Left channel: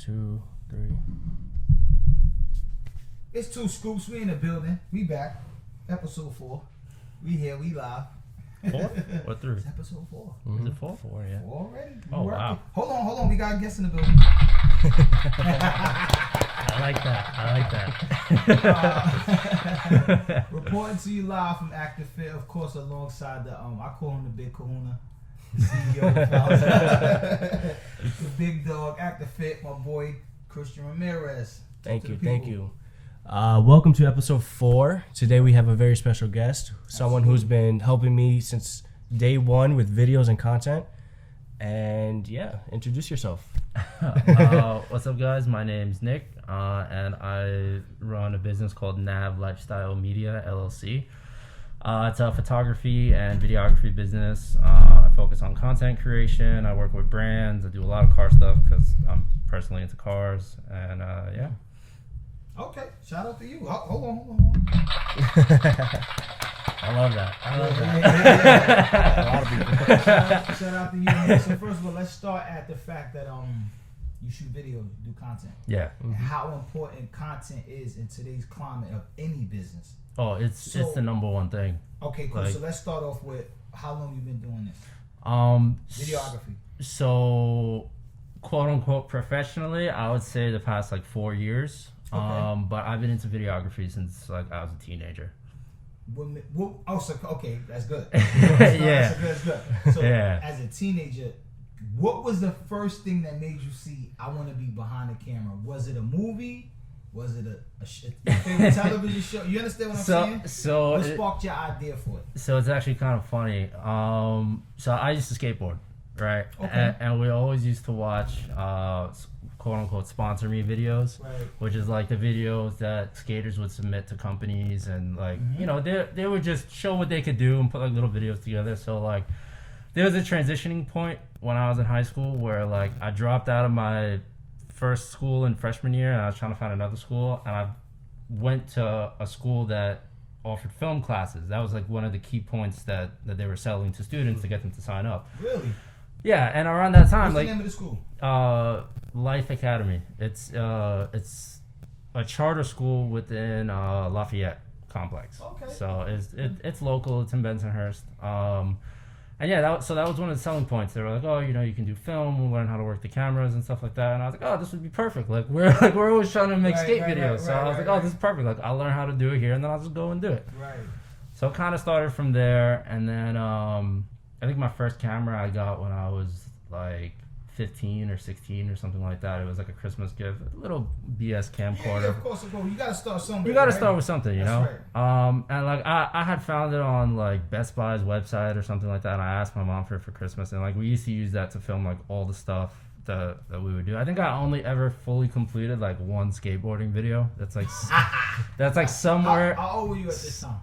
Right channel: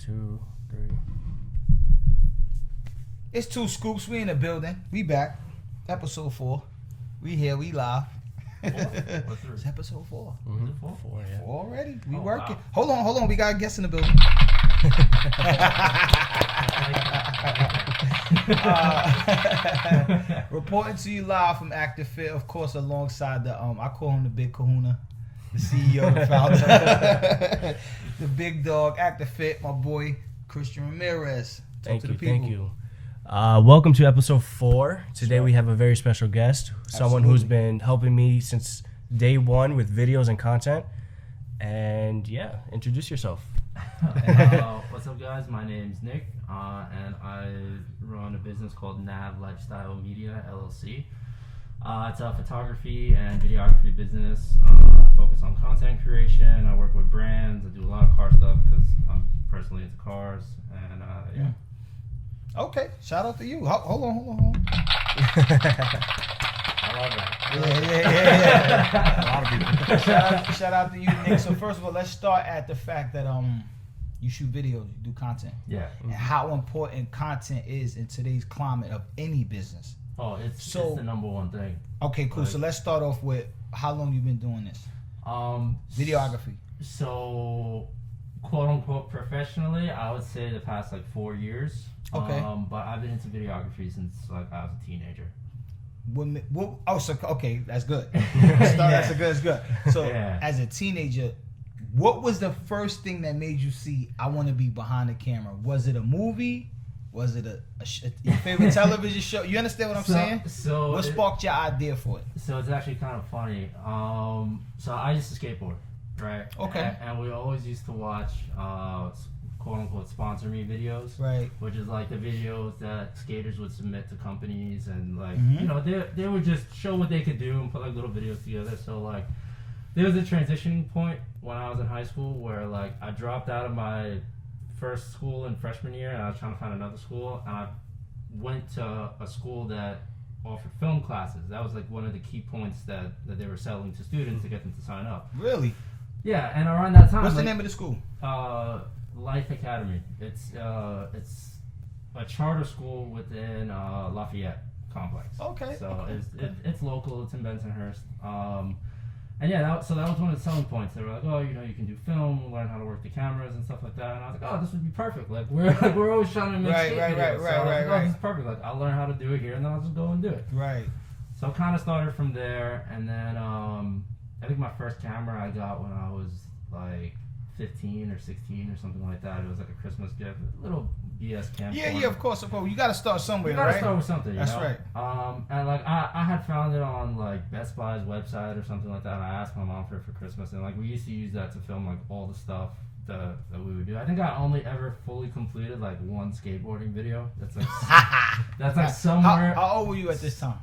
2, 3. It's 2Scoops. We in the building. We back. Episode 4. We here. We live. 4 or 3? It's episode 4. Mm-hmm. Is it 4? 4, yeah. 4 already. We Oh, working. wow. Hold on. We got a guest in the building. I like that. Reporting to you live from Active Fit, of course, alongside the I call him the Big Kahuna, the CEO, the founder, the big dog, Active Fit, my boy Christian Ramirez. Thank you. Welcome to episode 4. Today we have a very special guest, someone who's been helping me since day 1 with videos and content. And yeah, introduce yourself. What's up, guys? My name's Nick, and I run a business called Nav Lifestyle Media LLC. It's a photography and videography business. I focus on content creation. I work with brands. I do a lot of car stuff because I'm personally into cars. And yeah. Okay, shout out to you. Hold on. I love that. Yeah. A lot of people. Shout out to you, man. So first of all, let's start at the fact that you shoot videos, you do content. Yeah. And how important content is in today's climate of any business. Oh, it's the number one thing. Okay, cool. Like, so let's start off with how long you've been doing this. Videography. So, quote unquote professionally, I would say the past 4 years. Okay. But I've been into videography since I was a teenager. Okay, that's good. Yeah. That's good. So, Yeah. as a teenager, what was the first thing that made you see, I want to be behind the camera? Was it a movie? Was it your favorite television show? You understand what I'm saying? So what sparked your idea for it? So it's actually kind of funny. So I used to skateboard, right? Okay. And we always used to watch quote unquote sponsor me videos, Right. which is like the videos that skaters would submit to companies, and they would just show what they could do and put little videos together. So there was a transitioning point when I was in high school where I dropped out of my first school in freshman year and I was trying to find another school, and I went to a school that offered film classes. That was one of the key points that they were selling to students to get them to sign up. Really? Yeah, and around that time, what's the name of the school? Life Academy. It's a charter school within Lafayette complex. Okay. So it's local. It's in Bensonhurst. And yeah, that was one of the selling points. They were like, oh, you can do film, we'll learn how to work the cameras and stuff like that. And I was like, oh, this would be perfect. We're always trying to make skate videos. So I was like, oh, this is perfect. I'll learn how to do it here, and then I'll just go and do it. Right. So it kind of started from there, and then I think my first camera I got when I was 15 or 16 or something like that. It was a Christmas gift, a little BS camcorder. Yeah, of course. You got to start somewhere. You got to start with something, That's know? Right. And I had found it on Best Buy's website or something like that, and I asked my mom for it for Christmas, and we used to use that to film all the stuff that we would do. I think I only ever fully completed one skateboarding video. That's somewhere. How old were you at this time?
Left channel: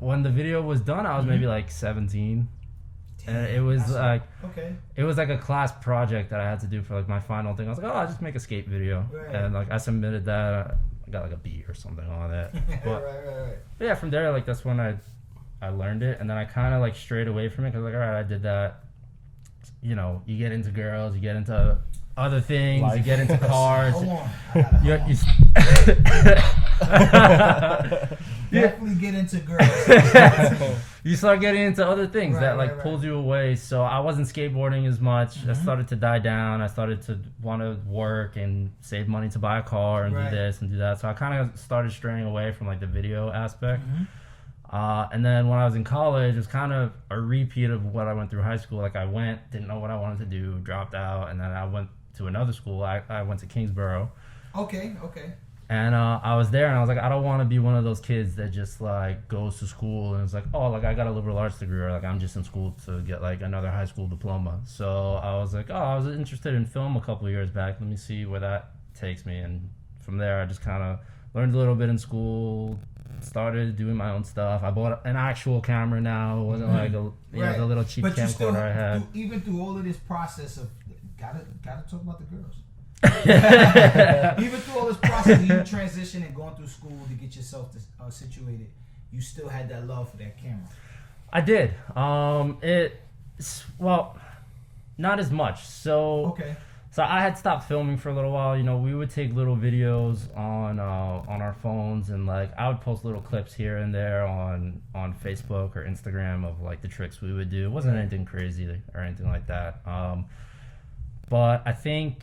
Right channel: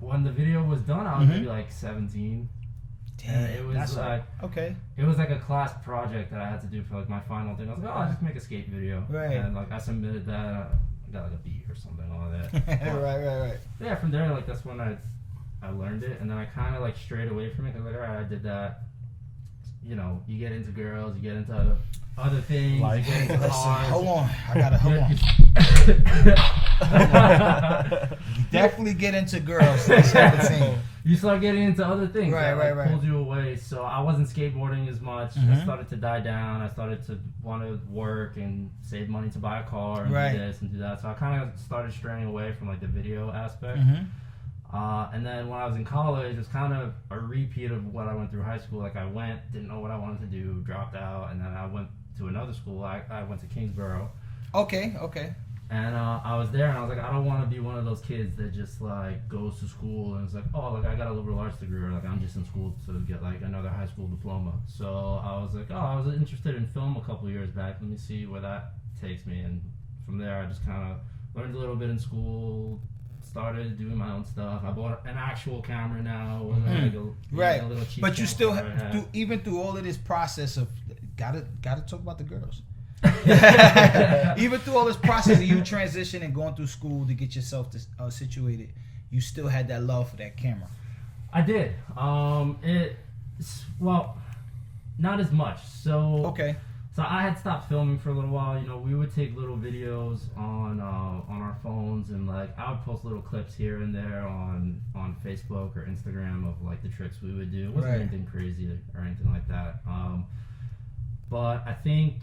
When the video was done, I was maybe 17. And it was okay. It was a class project that I had to do for my final thing. I was like, oh, I'll just make a skate video. Right. And I submitted that. I got a B or something on that. Right. But yeah, from there that's when I learned it, and then I kind of strayed away from it because all right, I did that. You get into girls, you get into other things, you get into cars. Hold on, I gotta hold on. Definitely get into girls. You start getting into other things right. pulls you away. So I wasn't skateboarding as much. I started to die down. I started to want to work and save money to buy a car and do this and do that. So I kind of started straying away from the video aspect. And then when I was in college, it was kind of a repeat of what I went through high school. I went, didn't know what I wanted to do, dropped out, and then I went to another school. I went to Kingsborough. Okay. And I was there, and I was like, I don't want to be one of those kids that just goes to school and it's oh, I got a liberal arts degree, or I'm just in school to get another high school diploma. So I was like, oh, I was interested in film a couple of years back. Let me see where that takes me. And from there, I just kind of learned a little bit in school, started doing my own stuff. I bought an actual camera now. It wasn't a little cheap camera. But you still have, even through all of this process of gotta talk about the girls. Even through all this process of you transitioning and going through school to get yourself situated, you still had that love for that camera. I did. Not as much. So okay. So I had stopped filming for a little while. You know, we would take little videos on our phones, and like I would post little clips here and there on Facebook or Instagram of like the tricks we would do. It wasn't anything crazy or anything like that. But I think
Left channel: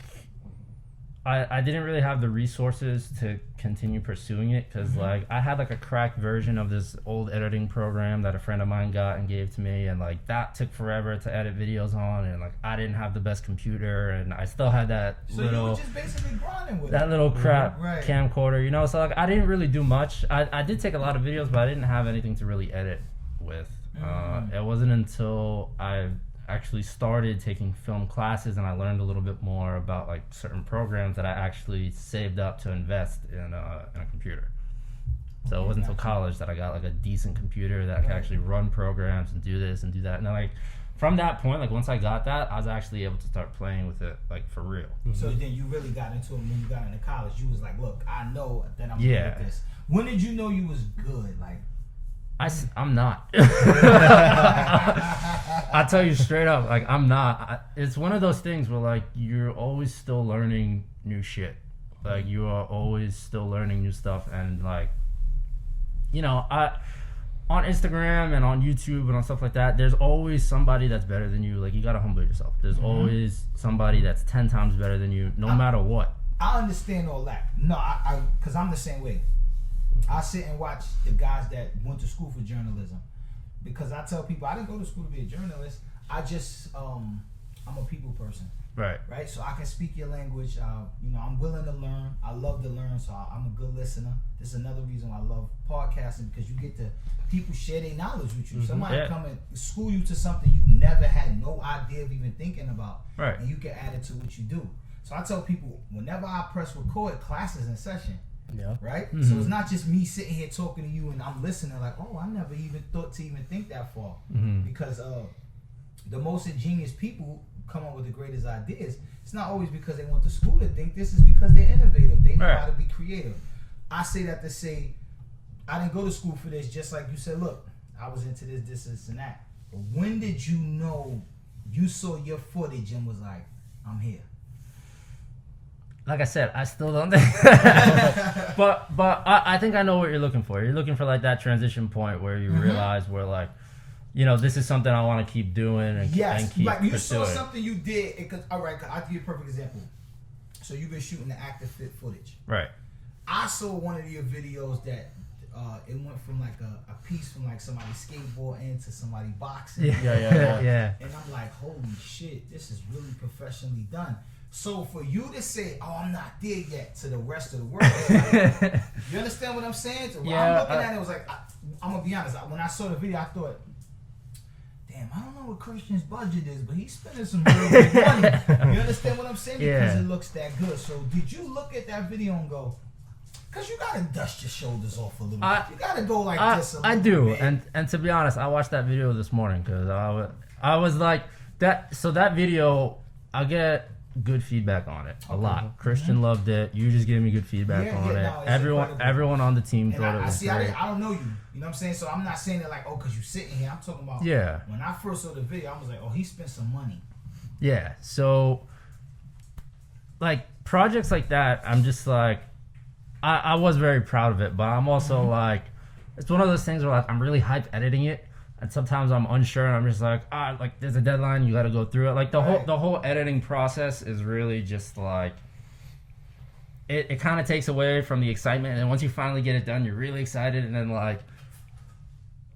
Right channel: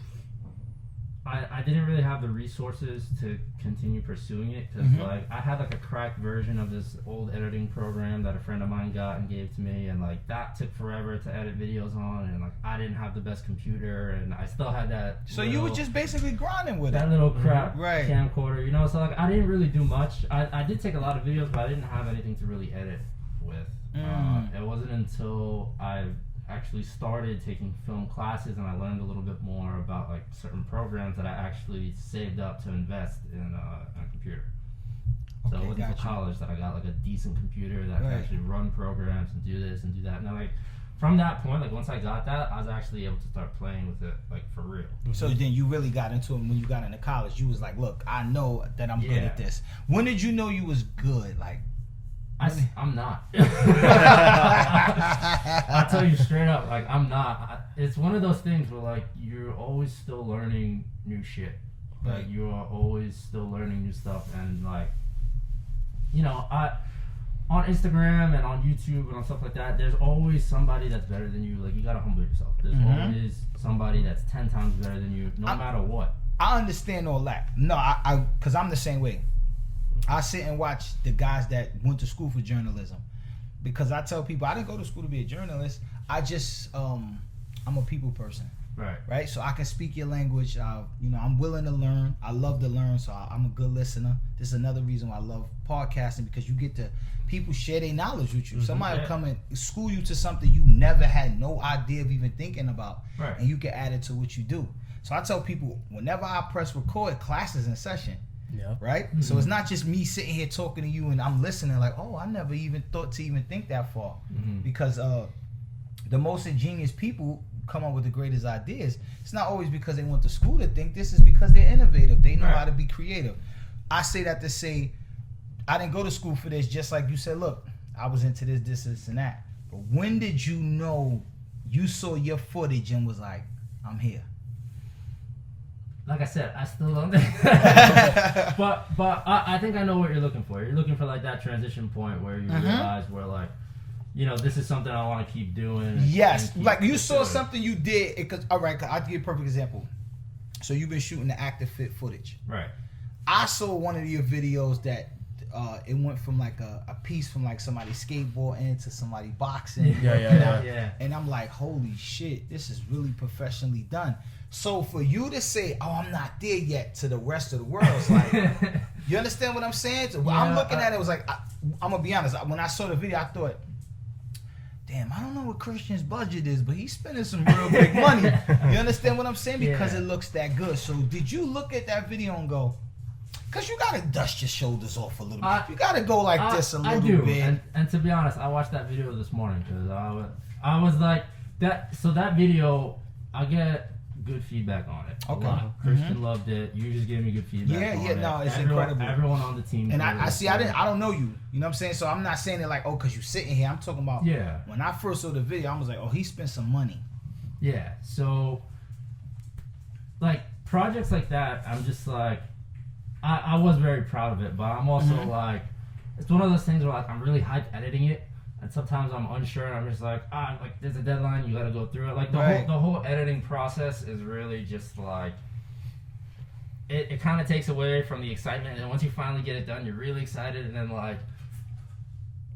I didn't really have the resources to continue pursuing it because like I had like a cracked version of this old editing program that a friend of mine got and gave to me, and like that took forever to edit videos on, and like I didn't have the best computer, and I still had that. So you were just basically grinding with that little crap right. camcorder, you know. So like I didn't really do much. I did take a lot of videos, but I didn't have anything to really edit with. It wasn't until I actually started taking film classes and I learned a little bit more about like certain programs that I actually saved up to invest in a computer. So it wasn't until college that I got like a decent computer that could actually run programs and do this and do that. And then like from that point, like once I got that, I was actually able to start playing with it like for real. So then you really got into it when you got into college. You was like, look, I know that I'm good at this. When did you know you was good? Like I'm not. I tell you straight up, like I'm not. It's one of those things where like you're always still learning new shit. Like you are always still learning new stuff, and like, you know, on Instagram and on YouTube and on stuff like that, there's always somebody that's better than you. Like you gotta humble yourself. There's always somebody that's 10 times better than you, no matter what. I understand all that. No, because I'm the same way. I sit and watch the guys that went to school for journalism, because I tell people I didn't go to school to be a journalist. I just I'm a people person, right. So I can speak your language. You know, I'm willing to learn. I love to learn, so I'm a good listener. This is another reason why I love podcasting, because you get to people share their knowledge with you. Somebody come and school you to something you never had no idea of even thinking about, and you can add it to what you do. So I tell people whenever I press record, class is in session. Yeah. Right? So it's not just me sitting here talking to you and I'm listening like, oh, I never even thought to even think that far. Because the most ingenious people come up with the greatest ideas. It's not always because they went to school to think. This is because they're innovative. They know how to be creative. I say that to say, I didn't go to school for this, just like you said, look, I was into this, and that. But when did you know you saw your footage and was like, I'm here? Like I said, I still don't think. but I think I know what you're looking for. You're looking for like that transition point where you realize where like, you know, this is something I want to keep doing. And, yes, and keep like you saw pursuing. something you did. All right, I'll give you a perfect example. So you've been shooting the active fit footage. Right. I saw one of your videos that it went from like a piece from like somebody skateboarding to somebody boxing. Yeah. And I'm like, holy shit, this is really professionally done. So for you to say, oh, I'm not there yet, to the rest of the world, it's like, you understand what I'm saying? So when I'm looking at it, it was like, I'm going to be honest, when I saw the video, I thought, damn, I don't know what Christian's budget is, but he's spending some real big money. You understand what I'm saying? Because it looks that good. So did you look at that video and go, because you got to dust your shoulders off a little bit. You got to go like this a little bit. I do. And to be honest, I watched that video this morning because I was like, that. So that video, I get good feedback on it a lot. Christian loved it. You just gave me good feedback on it. No, it's everyone on the team. And I see, I don't know you. You know what I'm saying? So I'm not saying it like, oh, because you sitting here. I'm talking about when I first saw the video, I was like, oh, he spent some money. Yeah. So like projects like that, I'm just like, I was very proud of it, but I'm also like, it's one of those things where like I'm really hyped editing it. And sometimes I'm unsure, and I'm just like, like there's a deadline, you got to go through it. Like the whole editing process is really just like, it kind of takes away from the excitement. And once you finally get it done, you're really excited. And then like,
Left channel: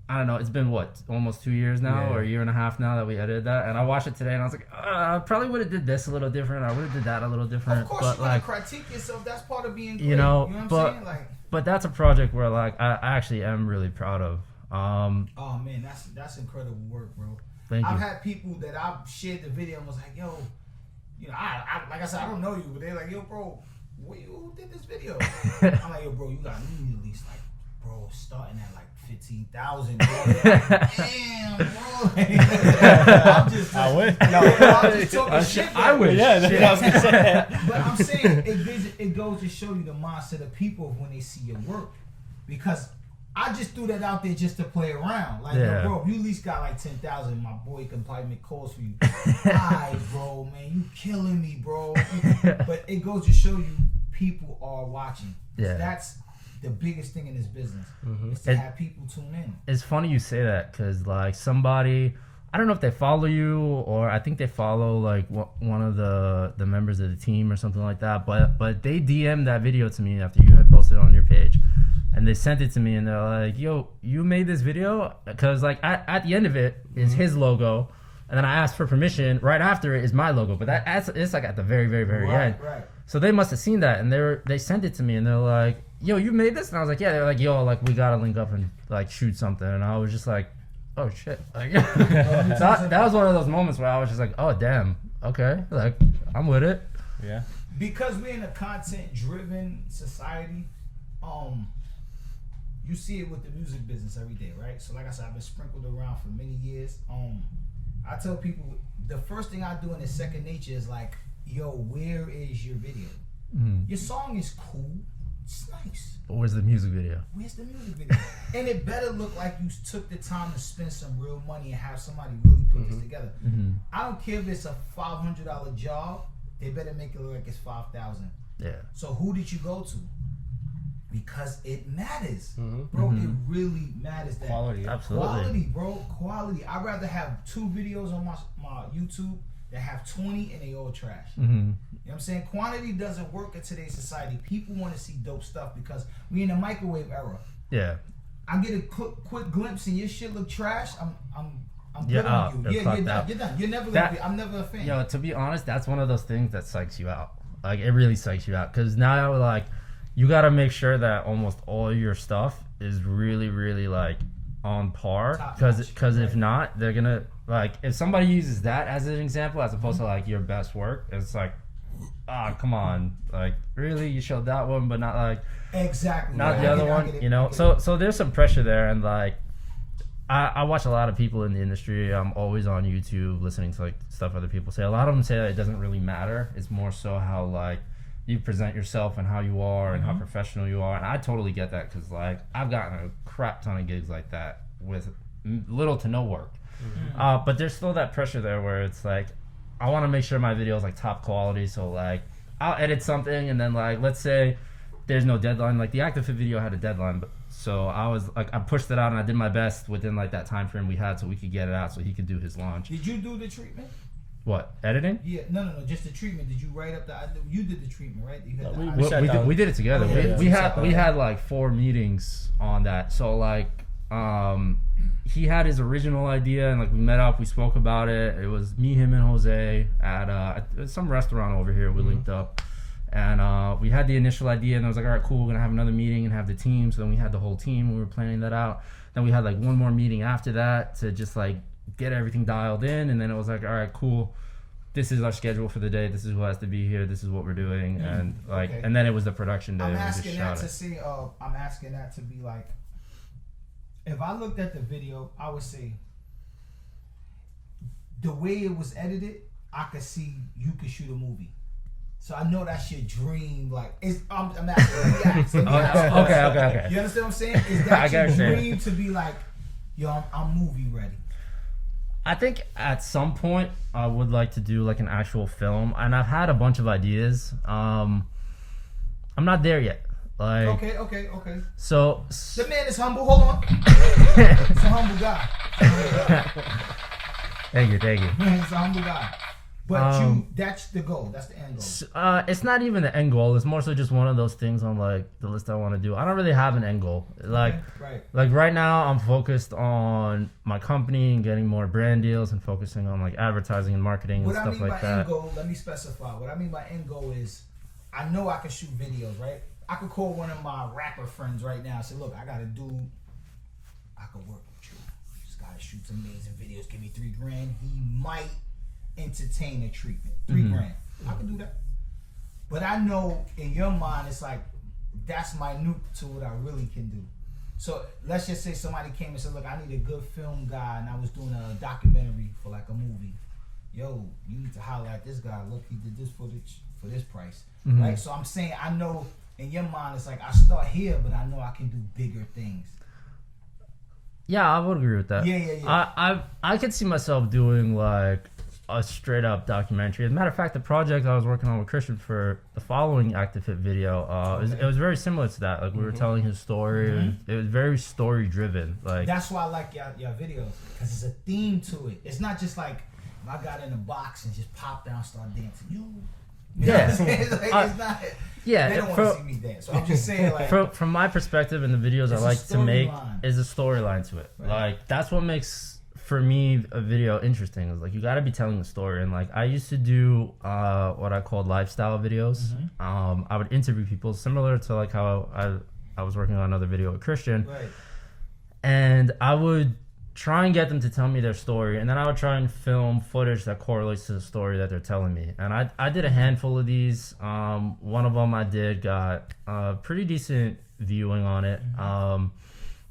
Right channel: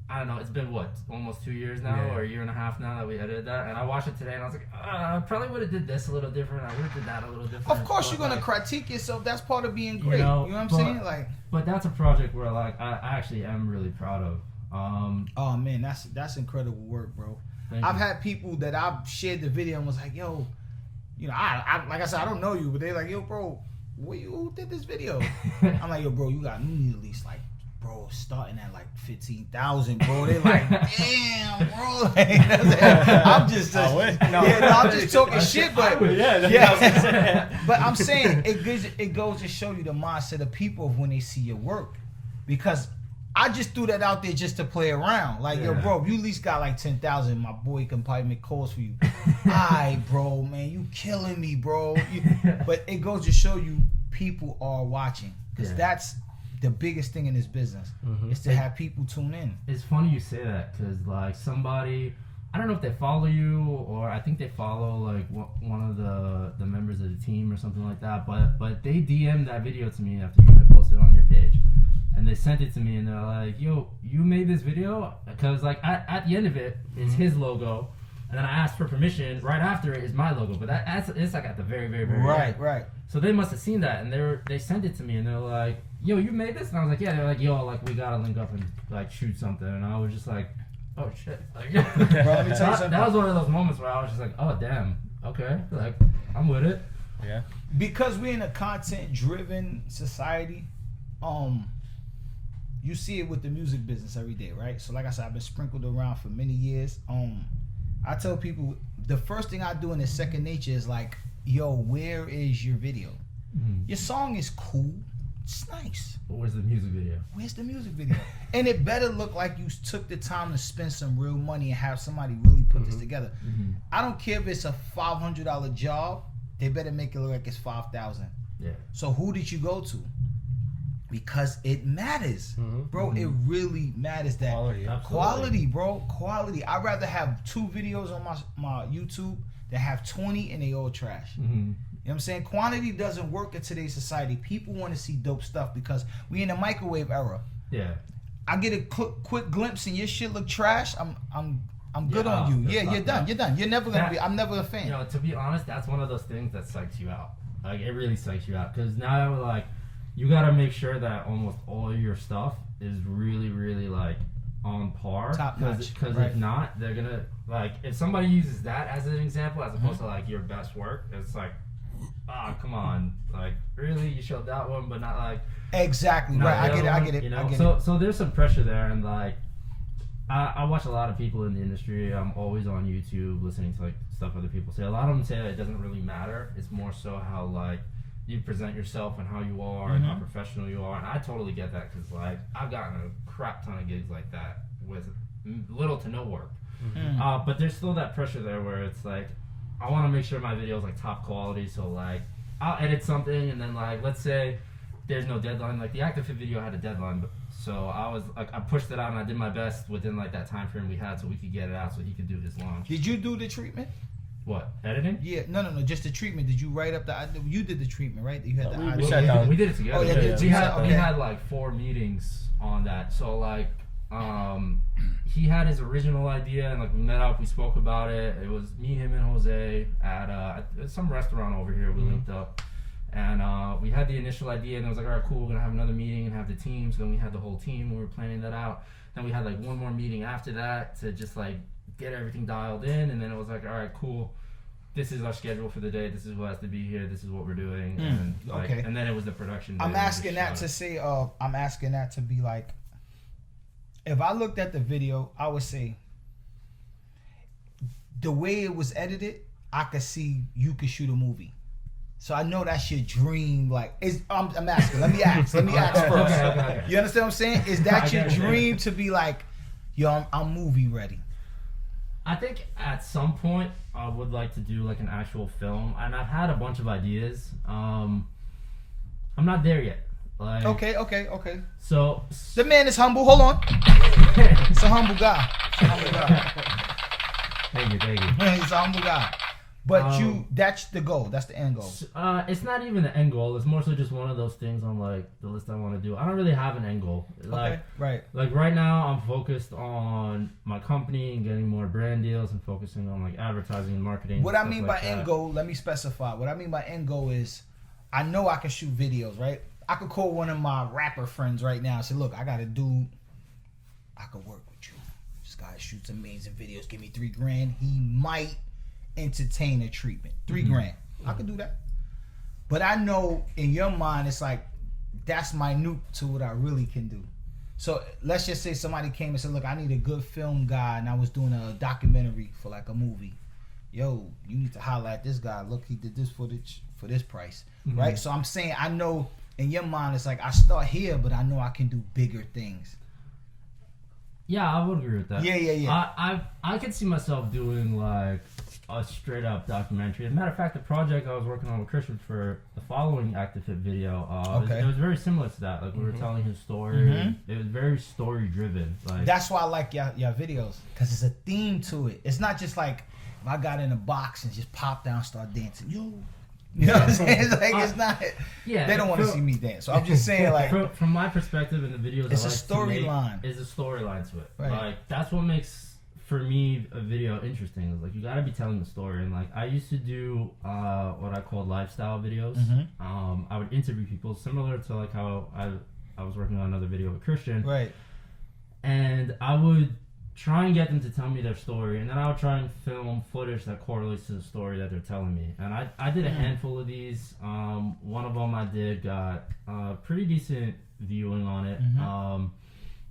I don't know, it's been what, almost 2 years now, or a year and a half now that we edited that. And I watched it today, and I was like, I probably would have did this a little different. I would have did that a little different. Of course, you're gonna critique yourself. That's part of being great. You know what I'm saying? Like, but that's a project where like I actually am really proud of. Oh man, that's incredible work, bro. I've had people that I've shared the video and was like, yo, you know, I like I said, I don't know you, but they're like, yo, bro, who did this video? I'm like, yo, bro, you got me at least like, bro, starting at like 15,000, bro. They're like, damn, bro. I'm just talking shit, but I wish. Yeah, I was gonna say. But I'm saying it goes to show you the mindset of people when they see your work, because I just threw that out there just to play around. Like, yo, bro, if you at least got like 10,000, my boy can probably make calls for you. Alright, bro, man, you killing me, bro. But it goes to show you people are watching. Because that's the biggest thing in this business. Is to have people tune in. It's funny you say that because, like, somebody, I don't know if they follow you or I think they follow, like, one of the members of the team or something like that. But they DM'd that video to me after you had posted it on your page. And they sent it to me, and they're like, yo, you made this video? Because, like, at the end of it is his logo, and then I asked for permission. Right after it is my logo, but it's, like, at the very, very, very end. Right. So they must have seen that, and they sent it to me, and they're like, yo, you made this? And I was like, yeah. They're like, yo, like, we got to link up and, like, shoot something. And I was just like, oh, shit. Like, that was one of those moments where I was just like, oh, damn. Okay. Like, I'm with it. Yeah. Because we're in a content-driven society, you see it with the music business every day, right? So like I said, I've been sprinkled around for many years. I tell people the first thing I do in the second nature is like, yo, where is your video? Your song is cool. It's nice. But where's the music video? Where's the music video? And it better look like you took the time to spend some real money and have somebody really put this together. I don't care if it's a $500 job. They better make it look like it's $5,000. Yeah. So who did you go to? Because it matters, bro. It really matters. That quality, bro. Quality. I'd rather have 2 videos on my YouTube that have 20 and they all trash. You know what I'm saying? Quantity doesn't work in today's society. People want to see dope stuff because we in the microwave era. Yeah. I get a quick glimpse and your shit look trash. I'm good on you. Yeah, you're done. You're done. You're never gonna be. I'm never a fan. You know, to be honest, that's one of those things that psychs you out. Like, it really psychs you out because now, like, you gotta make sure that almost all your stuff is really, really, like, on par. Because if not, they're gonna, like, if somebody uses that as an example as opposed to, like, your best work, it's like, come on, like, really, you showed that one, but not, like, exactly. not the other one, I get it. you know. So there's some pressure there, and, like, I watch a lot of people in the industry. I'm always on YouTube listening to, like, stuff other people say. A lot of them say that it doesn't really matter. It's more so how, like, you present yourself and how you are and how professional you are. And I totally get that because, like, I've gotten a crap ton of gigs like that with little to no work. But there's still that pressure there where it's like, I want to make sure my video is, like, top quality. So, like, I'll edit something and then, like, let's say there's no deadline. Like, the Active Fit video had a deadline. So I was, like, I pushed it out and I did my best within, like, that time frame we had so we could get it out so he could do his launch. Did you do the treatment? What, editing? Yeah, no, just the treatment. Did you write up you did the treatment, right? You had we did it together. We had like 4 meetings on that. So, like, he had his original idea and, like, we met up, we spoke about it. It was me, him, and Jose at some restaurant over here. We linked up. And we had the initial idea, and I was like, all right, cool, we're going to have another meeting and have the team. So then we had the whole team, we were planning that out. Then we had, like, one more meeting after that to just, like, get everything dialed in. And then it was like, all right, cool, this is our schedule for the day, this is who has to be here, this is what we're doing. And, like, and then it was the production day. I'm asking that to say, I'm asking that to be like, if I looked at the video, I would say, the way it was edited, I could see you could shoot a movie. So I know that's your dream. Like, I'm asking. Let me ask. Okay. You understand what I'm saying? Is that your dream to be like, yo, I'm movie ready? I think at some point I would like to do, like, an actual film, and I've had a bunch of ideas. I'm not there yet. Like, okay. So the man is humble. Hold on. It's a humble guy. Thank you. He's a humble guy. But that's the goal. That's the end goal. It's not even the end goal. It's more so just one of those things on, like, the list I want to do. I don't really have an end goal. Like, like, right now I'm focused on my company and getting more brand deals and focusing on, like, advertising and marketing. What and I mean stuff by end goal, let me specify. What I mean by end goal is, I know I can shoot videos, right? I could call one of my rapper friends right now and say, look, I got a dude, I could work with you. This guy shoots amazing videos. Give me $3,000. He might entertain a treatment. $3,000. I can do that. But I know in your mind it's like, that's minute to what I really can do. So let's just say somebody came and said, look, I need a good film guy, and I was doing a documentary for, like, a movie. Yo, you need to holler at this guy. Look, he did this footage for this price. Right? So I'm saying, I know in your mind it's like, I start here, but I know I can do bigger things. Yeah, I would agree with that. Yeah. I could see myself doing like a straight up documentary. As a matter of fact, the project I was working on with Christian for the following Active Fit video, it was very similar to that. Like we were telling his story. It was very story driven. Like that's why I like your videos, because it's a theme to it. It's not just like I got in a box and just pop down, start dancing. You know what I'm saying? It's like it's not. Yeah, they don't want to see me dance. So I'm just saying, like from my perspective in the videos I like to make is a storyline to it. Right. Like that's what makes for me a video interesting. Is like you got to be telling the story. And like I used to do what I called lifestyle videos. I would interview people similar to like how I was working on another video with Christian. Right. And I would try and get them to tell me their story, and then I would try and film footage that correlates to the story that they're telling me. And I did a handful of these. One of them I did got pretty decent viewing on it.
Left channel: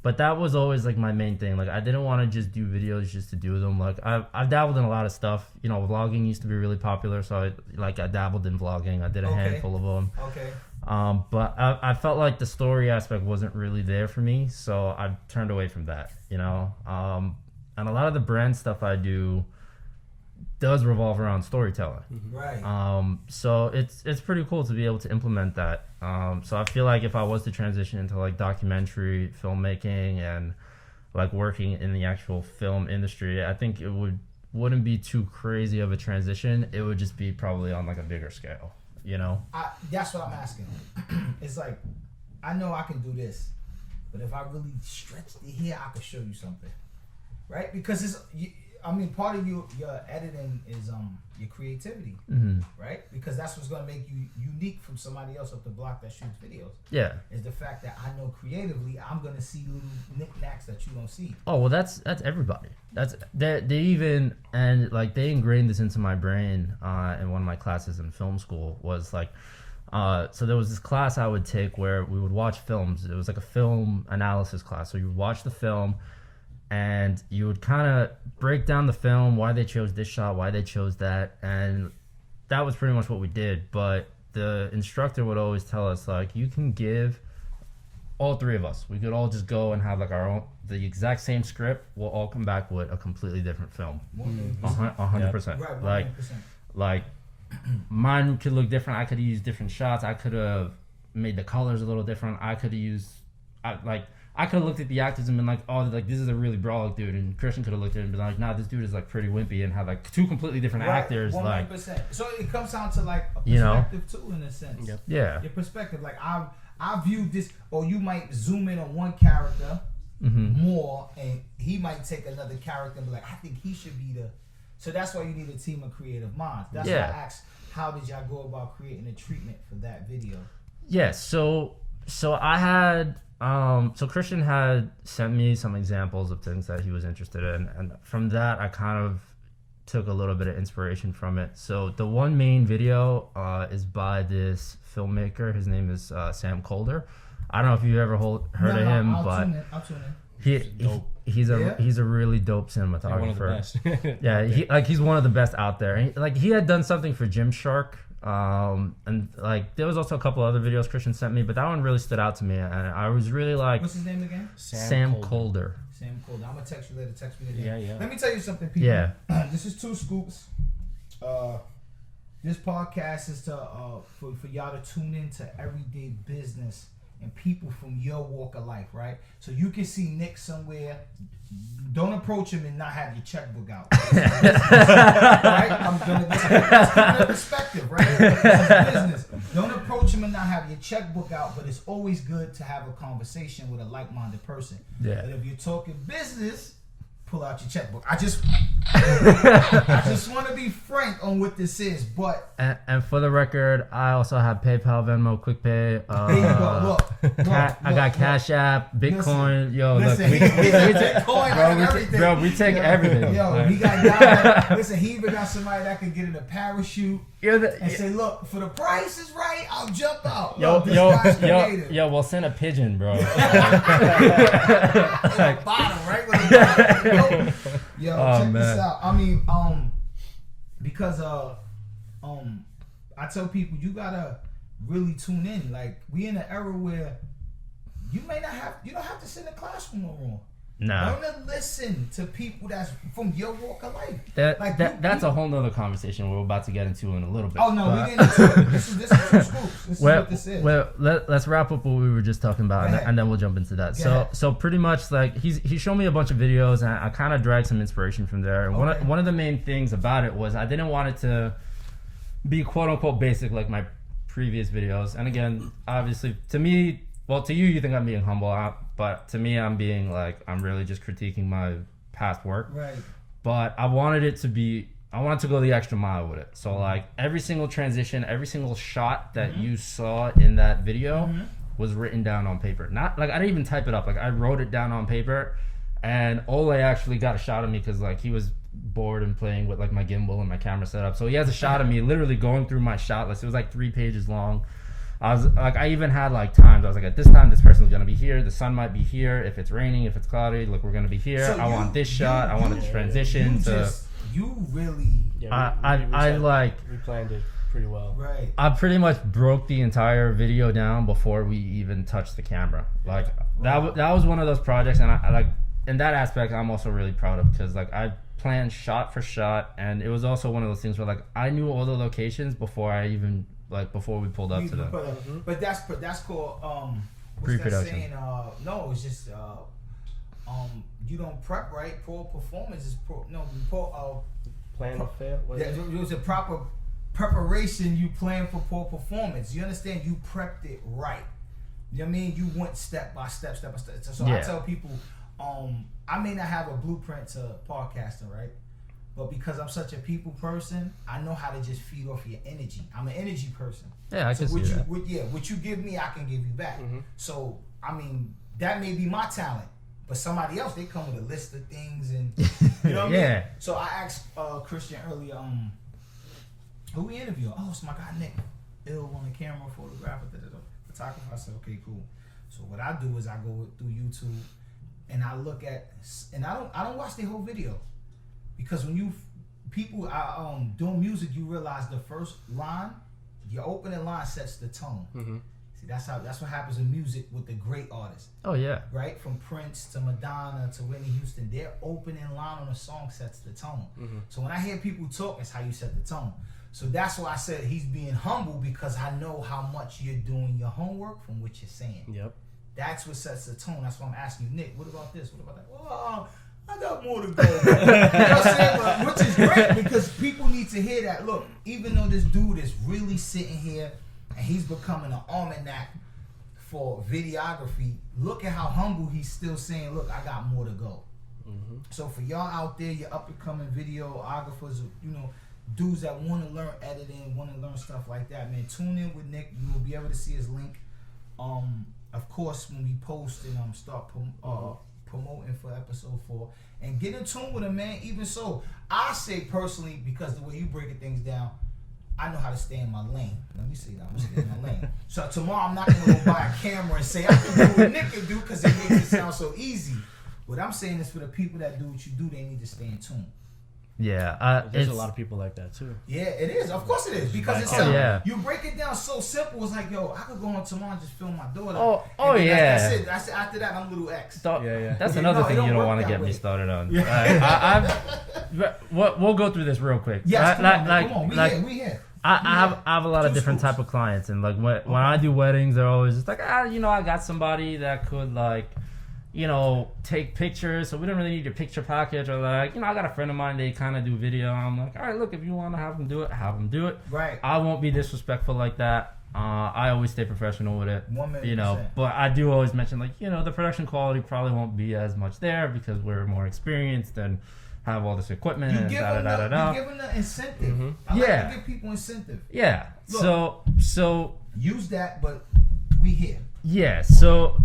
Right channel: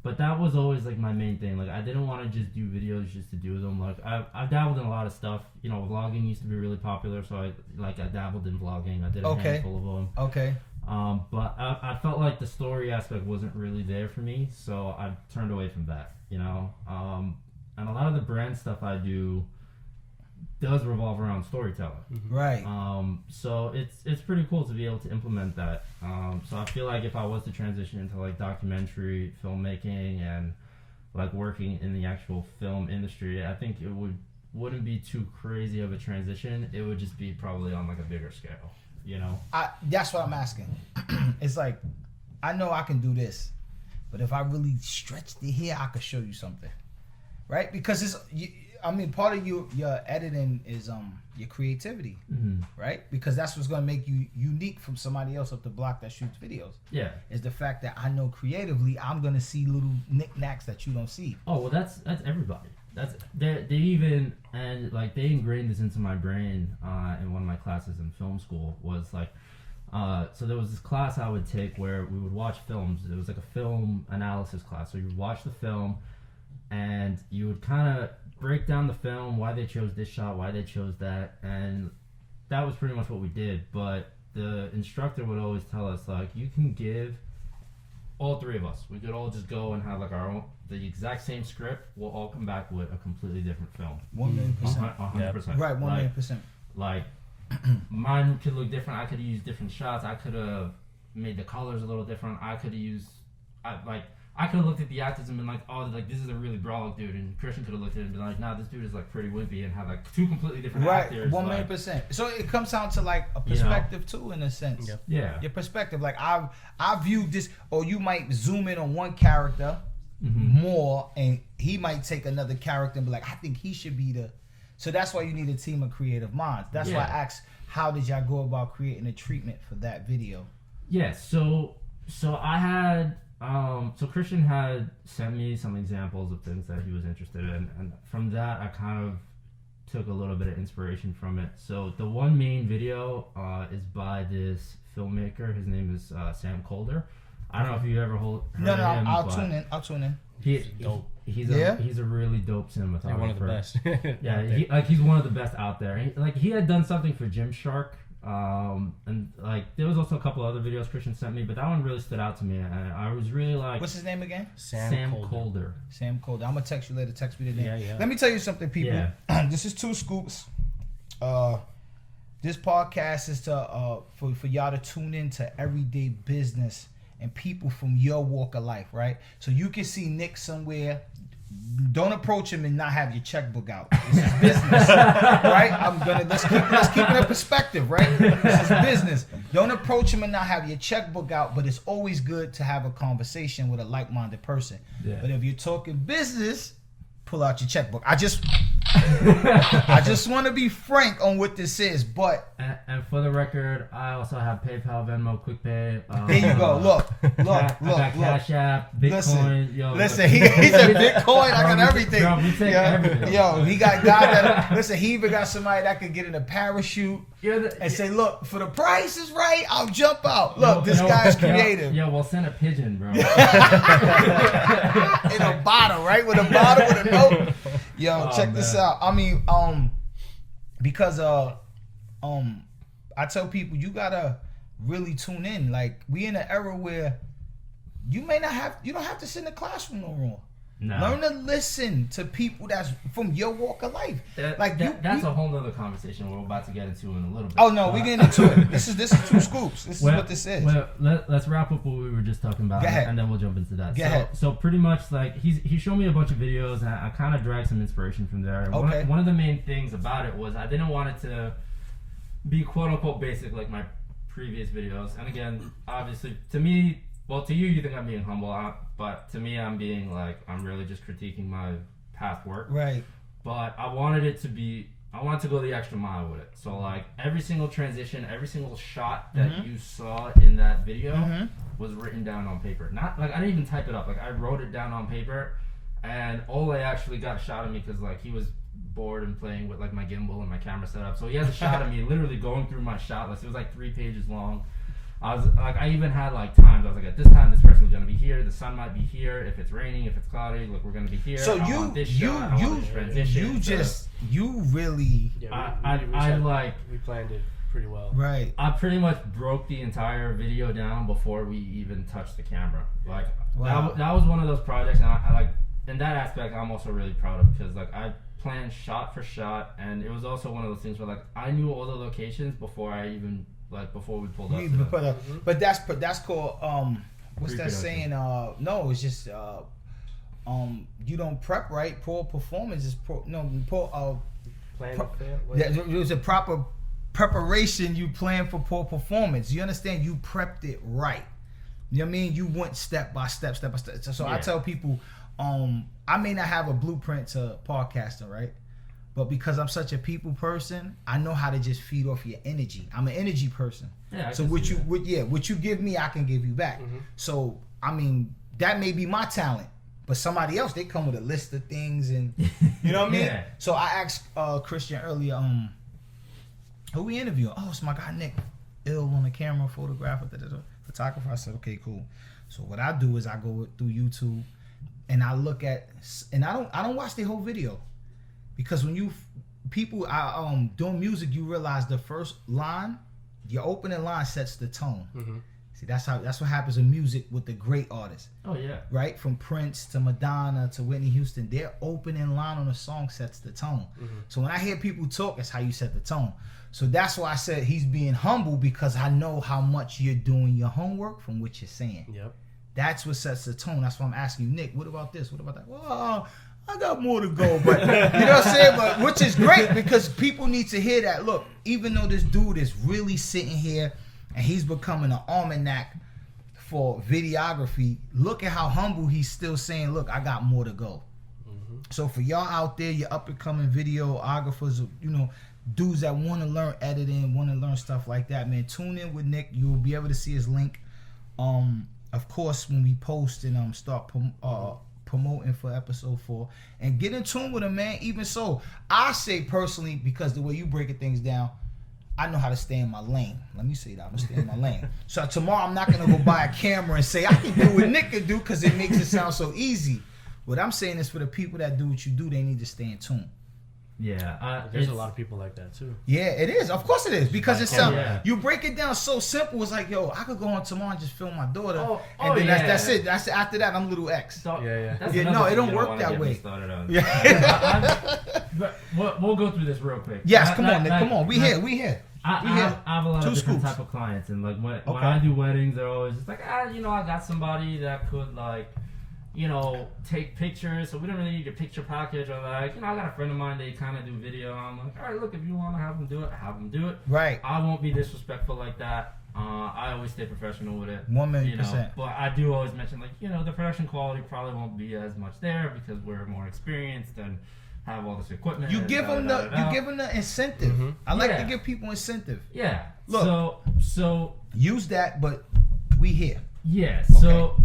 But that was always like my main thing. Like I didn't want to just do videos just to do them. Like I've dabbled in a lot of stuff. You know, vlogging used to be really popular, so I dabbled in vlogging. I did a handful of them. Okay. But I felt like the story aspect wasn't really there for me, so I turned away from that, you know. And a lot of the brand stuff I do does revolve around storytelling. Right. So it's pretty cool to be able to implement that. So I feel like if I was to transition into like documentary filmmaking and like working in the actual film industry, I think it wouldn't be too crazy of a transition. It would just be probably on like a bigger scale. You know, that's what I'm asking. It's like, I know I can do this, but if I really stretched it here, I could show you something, right? Because part of your editing is your creativity, right? Because that's what's gonna make you unique from somebody else up the block that shoots videos. Yeah, is the fact that I know creatively I'm gonna see little knickknacks that you don't see. Oh well, that's everybody. They ingrained this into my brain in one of my classes in film school. Was like, so there was this class I would take where we would watch films. It was like a film analysis class. So you would watch the film, and you would kind of break down the film, why they chose this shot, why they chose that, and that was pretty much what we did. But the instructor would always tell us, like, you can give all three of us. We could all just go and have like the exact same script. We'll all come back with a completely different film. 100%. Right, 100%. Like mine could look different. I could have used different shots. I could have made the colors a little different. I could have used, I could have looked at the actors and been like, oh, like this is a really brolic dude, and Christian could have looked at it and been like, nah, this dude is like pretty wimpy, and have like two completely different actors. 100%. So it comes down to like a perspective too, in a sense. Yep. Yeah. Your perspective, like I view this, or you might zoom in on one character more, and he might take another character and be like, I think he should be the. So that's why you need a team of creative minds. That's why I asked, how did y'all go about creating a treatment for that video? Yeah. So I had. So Christian had sent me some examples of things that he was interested in, and from that I kind of took a little bit of inspiration from it. So the one main video is by this filmmaker. His name is Sam Colder. I don't know if you ever heard of him, I'll tune in. He's a really dope cinematographer. Yeah, one of the best. He's one of the best out there. He had done something for Gymshark. And like there was also a couple other videos Christian sent me, but that one really stood out to me, and I was really like, what's his name again? Sam Colder. Sam Colder. I'm gonna text you later. Text me the name. Yeah. Let me tell you something, people. Yeah. This is 2Scoops. This podcast is to for y'all to tune in to everyday business and people from your walk of life, right? So you can see Nick somewhere. Don't approach him and not have your checkbook out. This is business, right? Let's keep it in perspective, right? This is business. Don't approach him and not have your checkbook out, but it's always good to have a conversation with a like-minded person. Yeah. But if you're talking business, pull out your checkbook. I just want to be frank on what this is, but and for the record, I also have PayPal, Venmo, QuickPay. There you go. Look. I got Cash App, Bitcoin. Listen, he's a Bitcoin. I got everything. Bro, we take everything. He got guys. Listen, he even got somebody that could get in a parachute and say, "Look, for the price is right, I'll jump out." Look, this guy's creative. Yo, we'll send a pigeon, bro. In a bottle, right? With a bottle, with a note. Yo, check this out. I mean, because I tell people you gotta really tune in. Like we in an era where you don't have to sit in the classroom no more. No. Learn to listen to people that's from your walk of life. That's a whole nother conversation we're about to get into in a little bit. Oh no, we getting into it. This is 2 Scoops. This is what this is. Well, let's wrap up what we were just talking about, and then we'll jump into that. So pretty much like he showed me a bunch of videos, and I kind of dragged some inspiration from there. And one of the main things about it was I didn't want it to be quote unquote basic like my previous videos. And again, obviously to me, well, to you think I'm being humble, but to me I'm being like, I'm really just critiquing my past work. Right. But I wanted to go the extra mile with it. So like every single transition, every single shot that you saw in that video was written down on paper. Not like I didn't even type it up. Like I wrote it down on paper, and Ole actually got a shot of me because like he was bored and playing with like my gimbal and my camera setup. So he has a shot of me literally going through my shot list. It was like 3 pages long. I was like, I even had like times. I was like, at this time, this person's gonna be here. The sun might be here. If it's raining, if it's cloudy, look, we're gonna be here. So I want this shot. I want this transition. You really. Yeah, we planned it pretty well. Right. I pretty much broke the entire video down before we even touched the camera. Like that was one of those projects, and I like in that aspect, I'm also really proud of because like I planned shot for shot, and it was also one of those things where like I knew all the locations before we pulled up to them. But that's called what's that saying? No, it's just you don't prep right. Poor performance is Plan to fail. It was a proper preparation. You plan for poor performance. You understand? You prepped it right. You know what I mean? You went step by step. So I tell people, I may not have a blueprint to podcasting, right? But because I'm such a people person, I know how to just feed off your energy. I'm an energy person. Yeah, so what you give me, I can give you back. So I mean, that may be my talent, but somebody else, they come with a list of things, and you know what I mean. So I asked Christian earlier, who we interviewing? Oh, it's my guy Nick, ill on the camera, photographer, photographer. I said, okay, cool. So what I do is I go through YouTube, and I look at, and I don't watch the whole video. Because when people are doing music, you realize the first line, your opening line sets the tone. See, that's what happens in music with the great artists. Oh yeah. Right? From Prince to Madonna to Whitney Houston, their opening line on a song sets the tone. So when I hear people talk, that's how you set the tone. So that's why I said he's being humble, because I know how much you're doing your homework from what you're saying. Yep. That's what sets the tone. That's why I'm asking you, Nick, what about this? What about that? Well, I got more to go, but you know what I'm saying? But which is great, because people need to hear that. Look, even though this dude is really sitting here and he's becoming an almanac for videography, look at how humble he's still saying, look, I got more to go. So for y'all out there, your up and coming videographers, you know, dudes that want to learn editing, want to learn stuff like that, man, tune in with Nick. You will be able to see his link. Of course, when we post and start promoting for episode 4, and get in tune with him, man. Even so, I say personally, because the way you breaking things down, I know how to stay in my lane. Let me say that. I'm gonna stay in my lane. So tomorrow I'm not gonna go buy a camera and say I can do what Nick can do, because it makes it sound so easy. What I'm saying is, for the people that do what you do, they need to stay in tune. Yeah, there's a lot of people like that too. Yeah, it is. Of course it is, because it's you break it down so simple. It's like, yo, I could go on tomorrow and just film my daughter. That's it. That's after that, I'm little X. That's another thing you don't want to get me started on. We'll go through this real quick. Yes, come on. We here. I have a lot of different type of clients, and like when I do weddings, they're always just like, I got somebody that could like, take pictures, so we don't really need a picture package, or like, I got a friend of mine, they kind of do video, and I'm like, all right, look, if you want to have them do it. Right. I won't be disrespectful like that. I always stay professional with it. 1,000,000%. But I do always mention, like, the production quality probably won't be as much there because we're more experienced and have all this equipment. You give them the incentive. I like to give people incentive. Yeah. Look, so use that, but we here. Yeah, so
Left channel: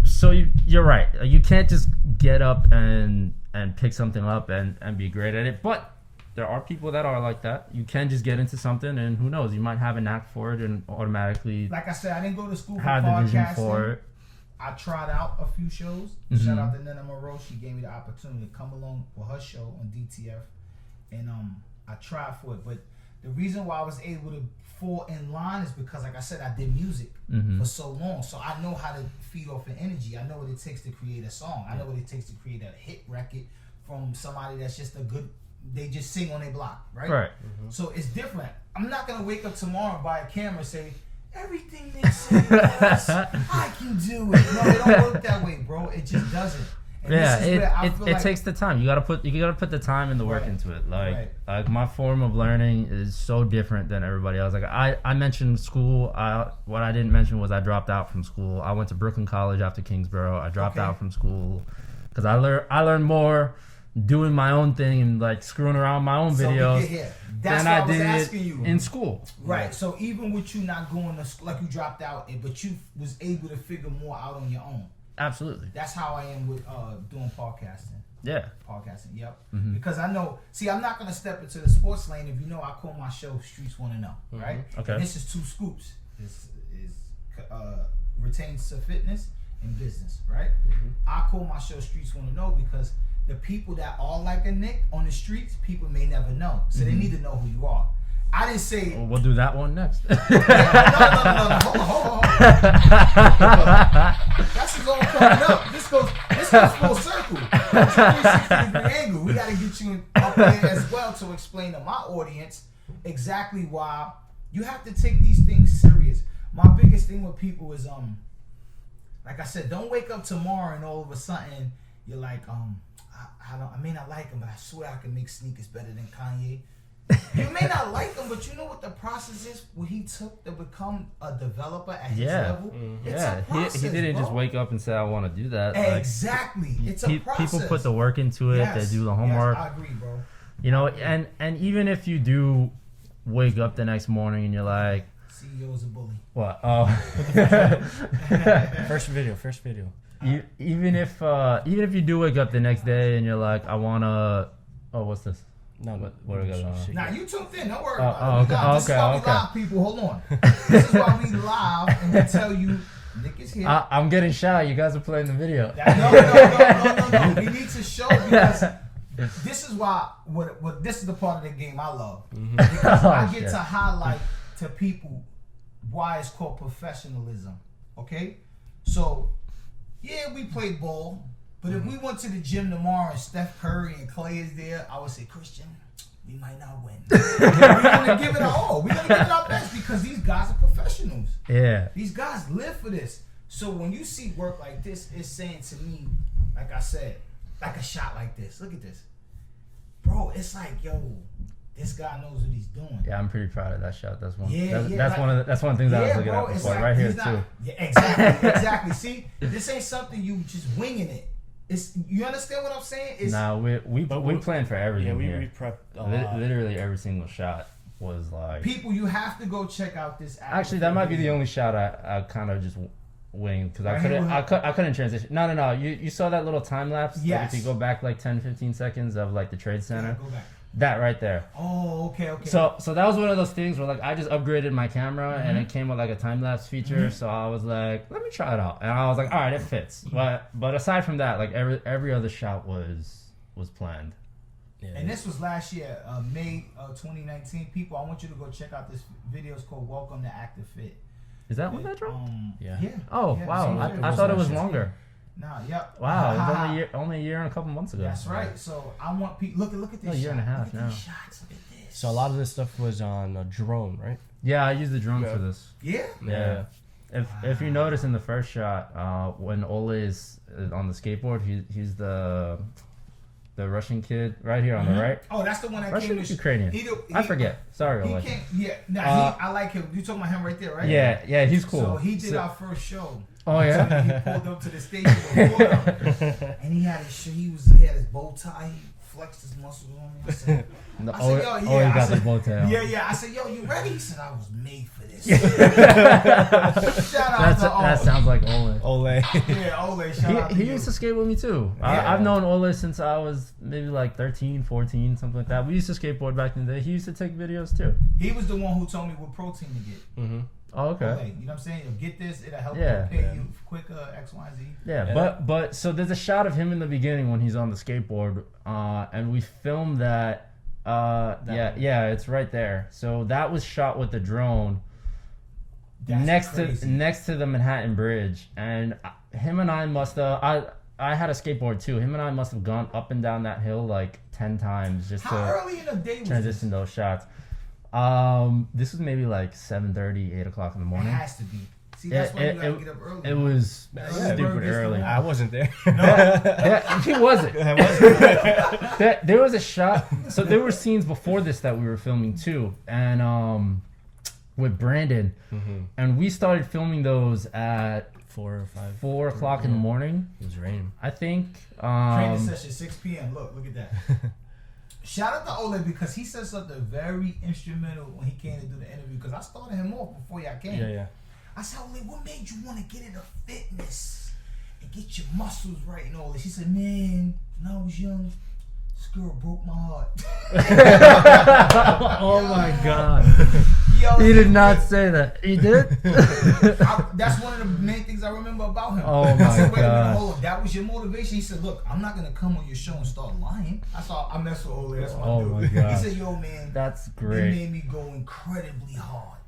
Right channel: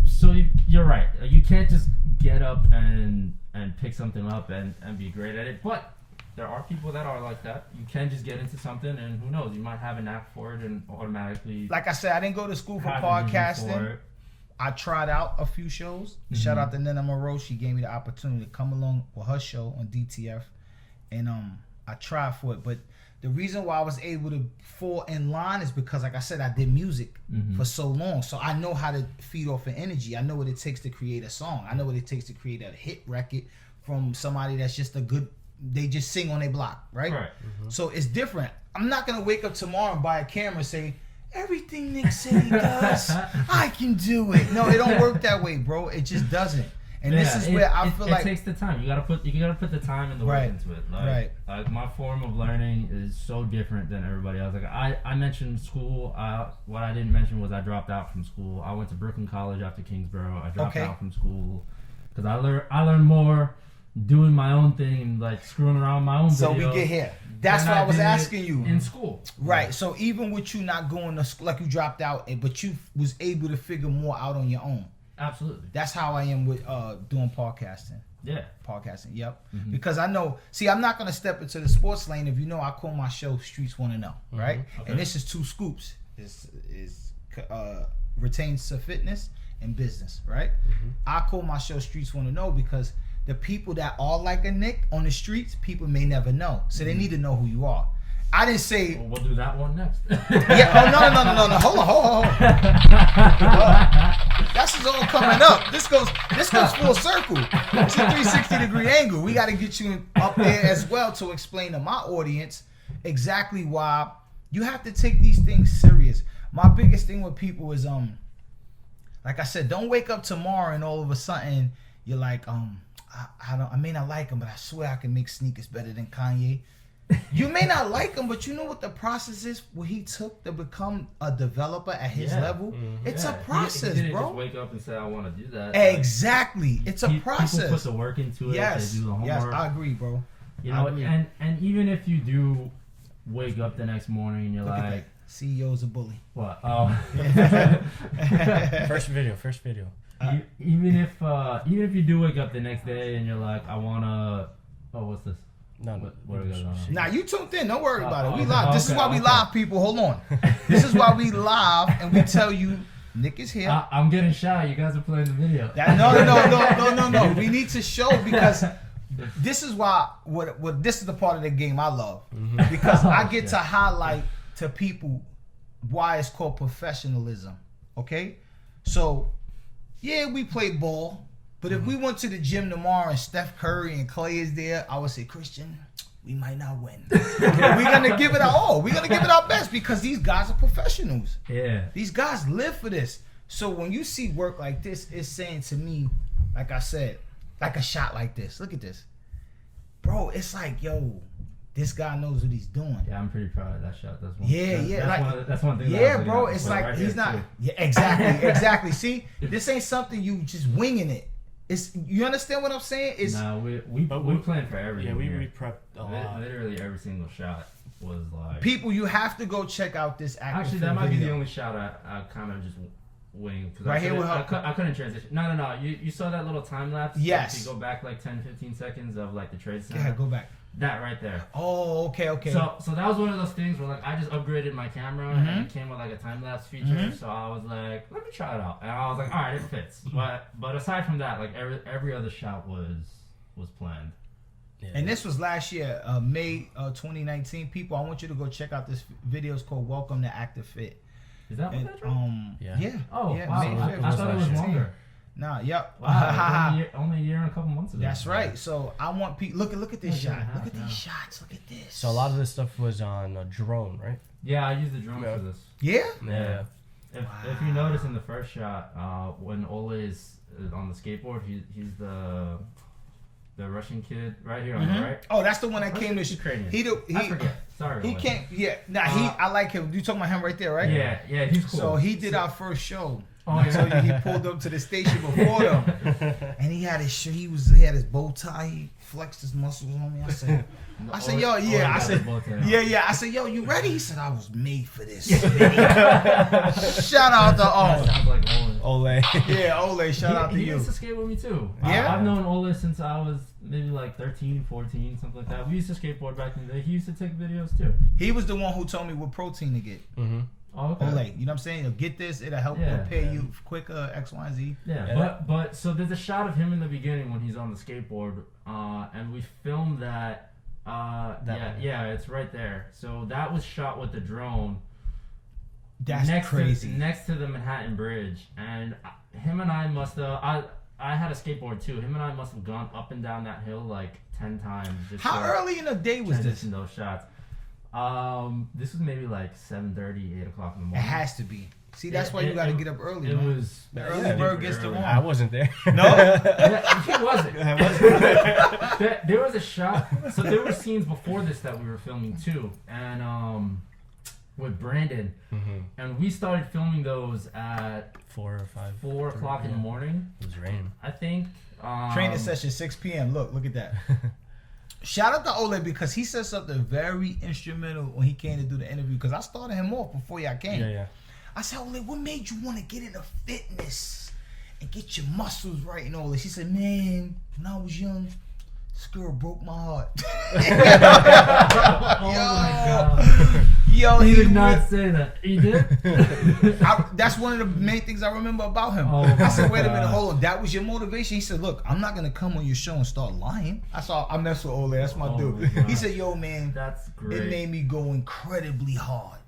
you're right. You can't just get up and pick something up and be great at it. But there are people that are like that. You can just get into something, and who knows, you might have a knack for it and automatically. Like I said, I didn't go to school for podcasting. I tried out a few shows. Shout out to Nina Moreau. She gave me the opportunity to come along with her show on DTF, and I tried for it. But the reason why I was able to fall in line is because, like I said, I did music for so long. So I know how to feed off of energy. I know what it takes to create a song. I know what it takes to create a hit record from somebody that's just a good, they just sing on their block, right? Right. So it's different. I'm not going to wake up tomorrow and buy a camera and say, everything Nick said he does, I can do it. No, it don't work that way, bro. It just doesn't. And this is where I feel like it takes the time. You gotta put the time and the work into it. Like my form of learning is so different than everybody else. Like I mentioned school. What I didn't mention was I dropped out from school. I went to Brooklyn College after Kingsborough. I dropped out from school because I learned more doing my own thing and like screwing around my own videos. So we get here. That's why I was asking you. In school. Right. Yeah. So even with you not going to school, like you dropped out, but you was able to figure more out on your own. Absolutely. That's how I am with doing podcasting. Yeah. Podcasting, yep. Mm-hmm. Because I know, I'm not going to step into the sports lane if you know I call my show Streets Want to Know, right? Okay. And this is 2 Scoops. Is retains to fitness and business, right? Mm-hmm. I call my show Streets Want to Know because the people that are like a Nick on the streets, people may never know. So they need to know who you are. I didn't say... Well, we'll do that one next. No. Hold on. That's just all coming up. This goes full circle. It's a 360-degree angle. We got to get you up there as well to explain to my audience exactly why you have to take these things serious. My biggest thing with people is, like I said, don't wake up tomorrow and all of a sudden you're like, I may not like him, but I swear I can make sneakers better than Kanye. You may not like him, but you know what the process is? What he took to become a developer at his level? Mm-hmm. It's a process, he didn't bro. just wake up and say, I want to do that. Exactly. Like, it's a process. People put the work into it. They do the homework. Yes, I agree, bro. You know, and even if you do wake up the next morning and you're like... CEO's a bully. What? Oh. First video. Even if you do wake up the next day and you're like, I want to... Oh, what's this? No, what are we gonna? Nah, you tuned in. Don't worry about it. We live. This is why we live, people. Hold on. This is why we live, and we tell you Nick is here. I'm getting shy. You guys are playing the video. No. We need to show because this is why. What this is the part of the game I love because I get to highlight to people why it's called professionalism. Okay, so we play ball. But if we went to the gym tomorrow and Steph Curry and Clay is there, I would say, Christian, we might not win. We're going to give it our all. We're going to give it our best because these guys are professionals. Yeah. These guys live for this. So when you see work like this, it's saying to me, like I said, like a shot like this. Look at this. Bro, it's like, yo, this guy knows what he's doing. Yeah, I'm pretty proud of that shot. That's one. That's one thing. That I was bro. It's like right he's not. Too. Yeah, exactly. See, this ain't something you just winging it. It's, you understand what I'm saying? It's, we planned for everything. Yeah, we prepped a lot. Literally every single shot was like... People, you have to go check out this Actually, that might be the only shot I kind of just winged because I couldn't transition. No. You saw that little time lapse? Yes. Like if you go back like 10-15 seconds of like the Trade Center. Yeah, go back. That right there. Oh, okay. So that was one of those things where like I just upgraded my camera and it came with like a time lapse feature. So I was like, let me try it out, and I was like, all right, it fits. But aside from that, like every other shot was planned. Yeah. And this was last year, May 2019. People, I want you to go check out this video. It's called "Welcome to Active Fit." Is that what that dropped? Yeah. Oh wow! I thought it was longer. Nah, yep. Wow, it was only a year and a couple months ago. That's right. So I want people look at this shot. Look at these shots. Look at this. So a lot of this stuff was on a drone, right? Yeah, I used the drone for this. Yeah. If you notice in the first shot, when Ole is on the skateboard, he's the Russian kid right here on the right. Oh, that's the one that Russian came to Ukrainian. I forget. Sorry. He can't. Yeah. Nah. I like him. You talking about him right there, right? Yeah. He's cool. So he did our first show. Oh yeah. So he pulled up to the station before them, and he had his shirt. He had his bow tie. He flexed his muscles on me. I said, yo, yeah. I said, yo, you ready? He said, I was made for this. Shout out to Ole. That sounds like Ole. Yeah, Ole. Shout out to you. He used to skate with me too. Yeah. I've known Ole since I was maybe like 13, 14, something like that. We used to skateboard back in the day. He used to take videos too. He was the one who told me what protein to get. Mm-hmm. Oh, okay. Ole, you know what I'm saying? You'll get this, it'll help prepare you quicker, X, Y, and Z. Yeah, but so there's a shot of him in the beginning when he's on the skateboard, and we filmed that Yeah, it's right there. So that was shot with the drone. That's crazy. Next to the Manhattan Bridge, and him and I must have. I had a skateboard too. Him and I must have gone up and down that hill like 10 times. Just How early in the day was this? Transition those shots. This was maybe like 7:30, 8 o'clock in the It morning. has to be. See, that's why you gotta get up early. It was bird gets the early. worm. I wasn't there. No. Yeah, he wasn't. I wasn't. There was a shot. So there were scenes before this that we were filming too, and with Brandon, and we started filming those at 4 or 5. 4 o'clock in the morning. It was raining. I think. Training session 6 p.m. Look at that. Shout out to Ole because he said something very instrumental when he came to do the interview. Because I started him off before y'all came. Yeah. I said, Ole, what made you want to get into fitness and get your muscles right and all this? She said, man, when I was young, this girl broke my heart. Oh my God. Yo, He did not say that. He did? That's one of the main things I remember about him. Oh I said, my wait a minute, God. hold on. That was your motivation? He said, look, I'm not going to come on your show and start lying. I mess with Ole. That's my Oh dude. my God. He said, yo, man, That's it great. made me go incredibly hard.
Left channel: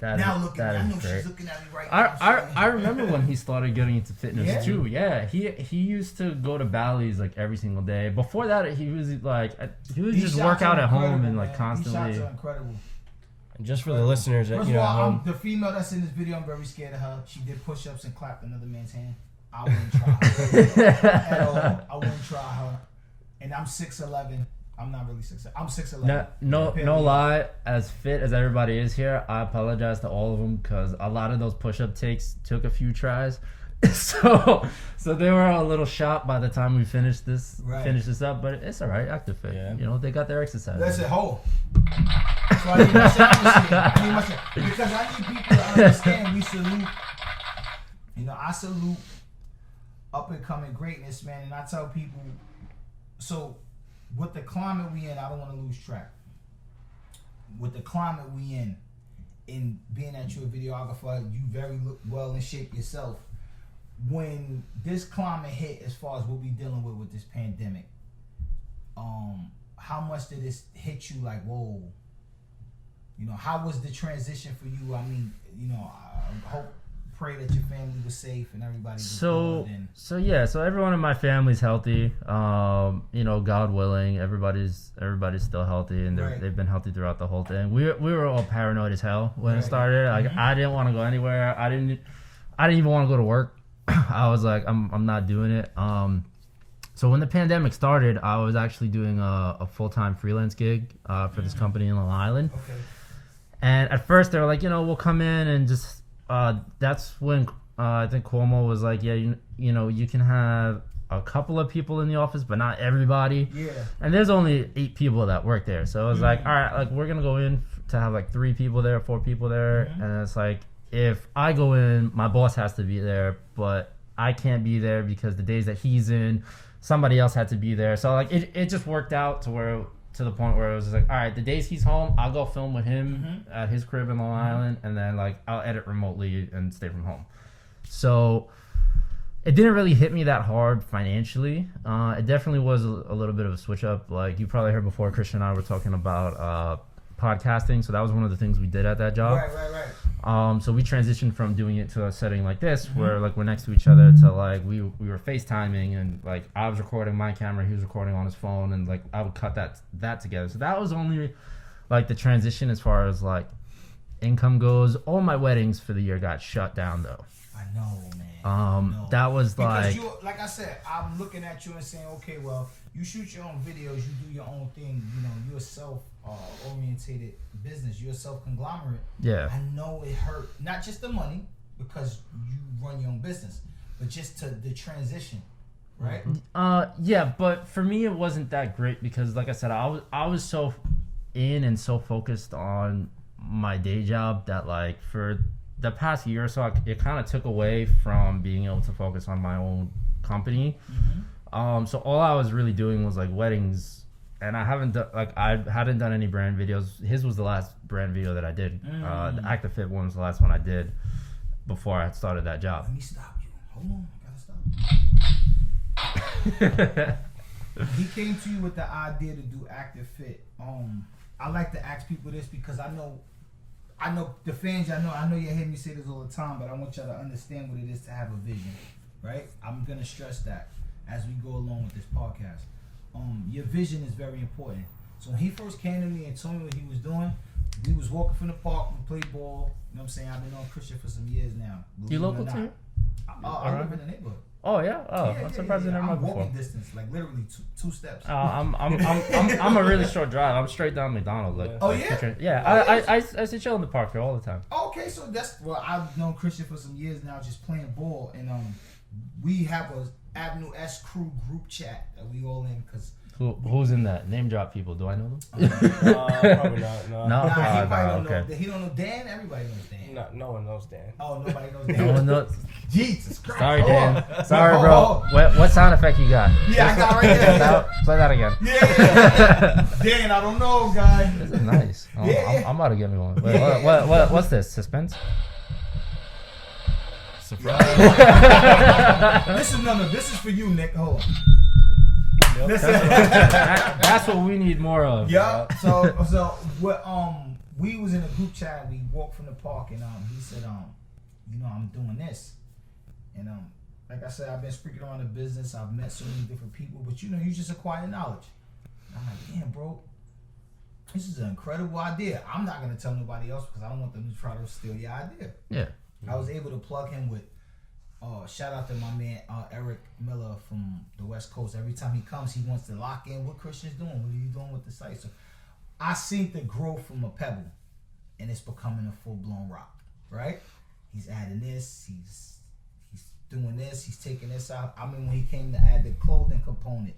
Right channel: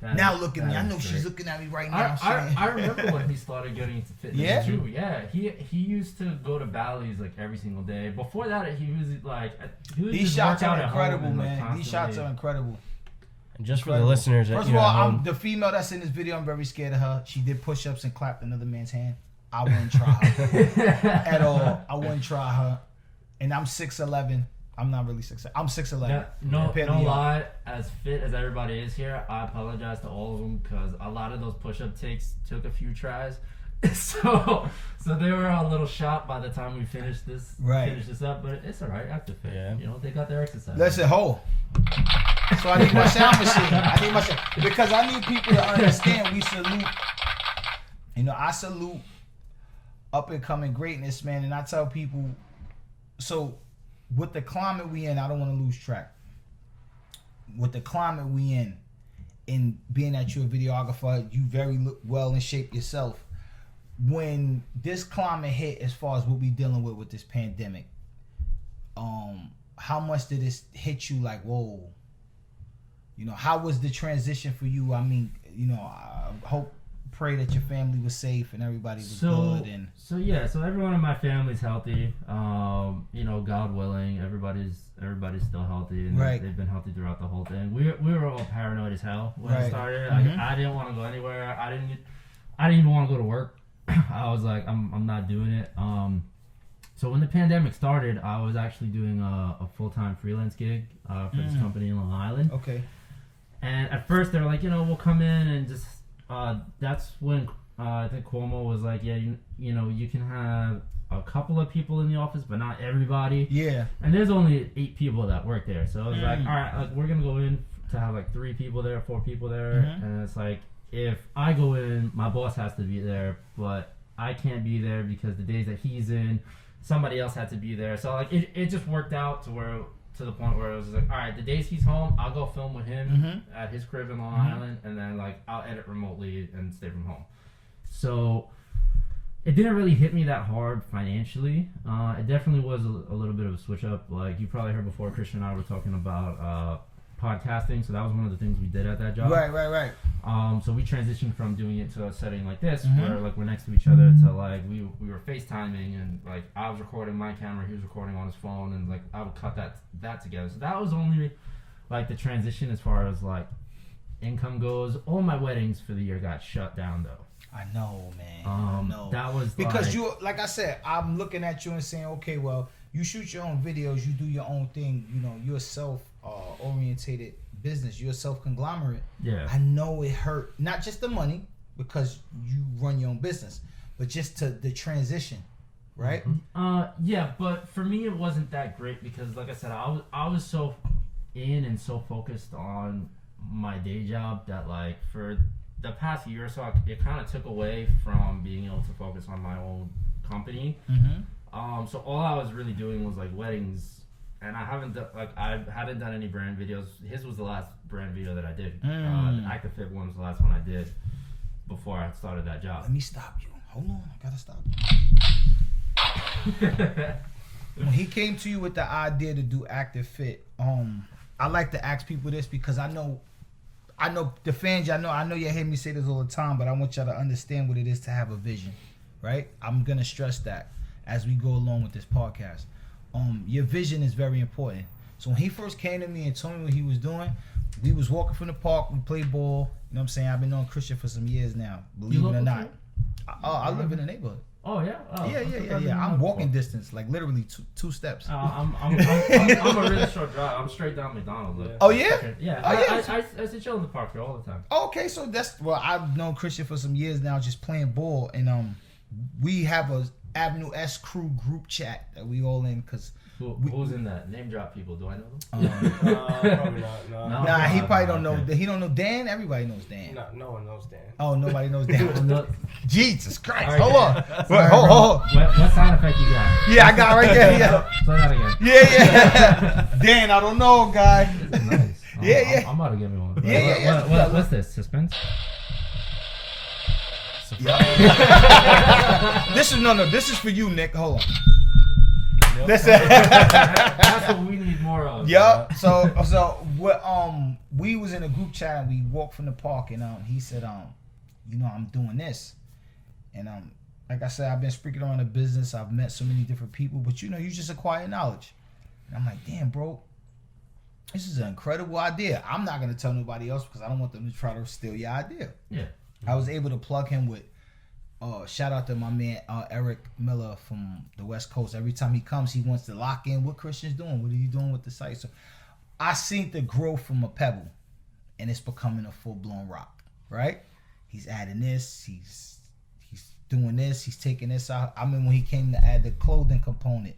That Now is- look at me. that I know is she's great. looking at me right now. I remember when he started getting into fitness Yeah? too. Yeah, he used to go to Bally's like every single day. Before that, he was like These just shots work out are at home incredible, and like man. constantly. These shots are incredible. And just for the listeners that First you of know all, at home, the female that's in this video, I'm very scared of her. She did push-ups and clapped another man's hand. I wouldn't try her at all. I wouldn't try her. And I'm 6'11". I'm not really 6'11". I'm 6'11". No lie. As fit as everybody is here, I apologize to all of them because a lot of those push-up takes took a few tries. So they were a little shocked by the time we finished this up, but it's all right. Active fit, Yeah. You know, they got their exercise. Listen, hold. So I need my sound machine. Because I need people to understand we salute. You know, I salute up and coming greatness, man. And I tell people, so with the climate we in, I don't want to lose track. With the climate we in being that you're a videographer, you very well in shape yourself. When this climate hit, as far as what we dealing with this pandemic, how much did this hit you? Like, whoa. You know, how was the transition for you? I mean, you know, I pray that your family was safe and everybody was good. And So everyone in my family's healthy. You know, God willing, everybody's still healthy, and they've been healthy throughout the whole thing. We were all paranoid as hell when it started. Like, I didn't want to go anywhere. I didn't even want to go to work. I was like, I'm not doing it. So when the pandemic started, I was actually doing a full-time freelance gig for this company in Long Island. Okay. And at first they were like, you know, we'll come in and just. That's when I think Cuomo was like, yeah, you know, you can have a couple of people in the office, but not everybody. Yeah. And there's only 8 people that work there, so I was like, all right, like we're gonna go in to have like 3 people there, 4 people there, and it's like if I go in, my boss has to be there, but I can't be there because the days that he's in, somebody else had to be there. So like it just worked out to the point where it was like, all right, the days he's home, I'll go film with him at his crib in Long Island, and then like I'll edit remotely and stay from home. So it didn't really hit me that hard financially. It definitely was a little bit of a switch up. Like you probably heard before, Christian and I were talking about podcasting, so that was one of the things we did at that job. Right. So we transitioned from doing it to a setting like this, where like we're next to each other, to like we were FaceTiming, and like I was recording my camera, he was recording on his phone, and like I would cut that together. So that was only like the transition as far as like income goes. All my weddings for the year got shut down though. I know, man. That was because you, like I said, I'm looking at you and saying, okay, well, you shoot your own videos, you do your own thing. You know, you're a self-orientated business. You're a self-conglomerate. Yeah. I know it hurt, not just the money, because you run your own business, but just to the transition, right? Yeah, but for me it wasn't that great because, like I said, I was so in and so focused on my day job that like for the past year or so, it kind of took away from being able to focus on my own company. So all I was really doing was like weddings, and I hadn't done any brand videos. His was the last brand video that I did. The Active Fit one was the last one I did before I started that job. Let me stop you. Hold on, I gotta stop you. when he came to you with the idea to do Active Fit, I like to ask people this because I know the fans. I know you hear me say this all the time, but I want y'all to understand what it is to have a vision, right? I'm gonna stress that as we go along with this podcast. Your vision is very important. So when he first came to me and told me what he was doing, we was walking from the park, we played ball. You know what I'm saying? I've been knowing Christian for some years now. Believe it or not. I live in the neighborhood. Oh yeah. Oh, yeah. I'm walking distance, like literally two steps. I'm a really short drive. I'm straight down McDonald's. Like, oh yeah. Yeah. I sit chill in the park here all the time. Okay, so I've known Christian for some years now, just playing ball, and we have a Avenue S crew group chat that we all in because. Who's in that? Name drop people. Do I know them? Probably not. No. Nah, he probably don't know. He don't know Dan. Everybody knows Dan. No one knows Dan. Oh, nobody knows Dan. Jesus Christ! Sorry, hold Dan. on. Sorry, hold on. What sound effect you got? Yeah, I got it right there. Yeah. Play that again. Yeah. Dan, I don't know, guy. This is nice. I'm about to give me one. What's this? Suspense? Surprise. This is for you, Nick. Hold on. Yep. That's what we need more of. Yep. So what? We was in a group chat and we walked from the park and he said I'm doing this, and like I said, I've been speaking on the business. I've met so many different people, but you just acquire knowledge. And I'm like, damn, bro, this is an incredible idea. I'm not gonna tell nobody else because I don't want them to try to steal your idea. Yeah. I was able to plug him with. Shout out to my man Eric Miller from the West Coast. Every time he comes, he wants to lock in what Christian's doing. What are you doing with the site? So I seen the growth from a pebble, and it's becoming a full blown rock. Right? He's adding this. He's doing this. He's taking this out. I mean, when he came to add the clothing component,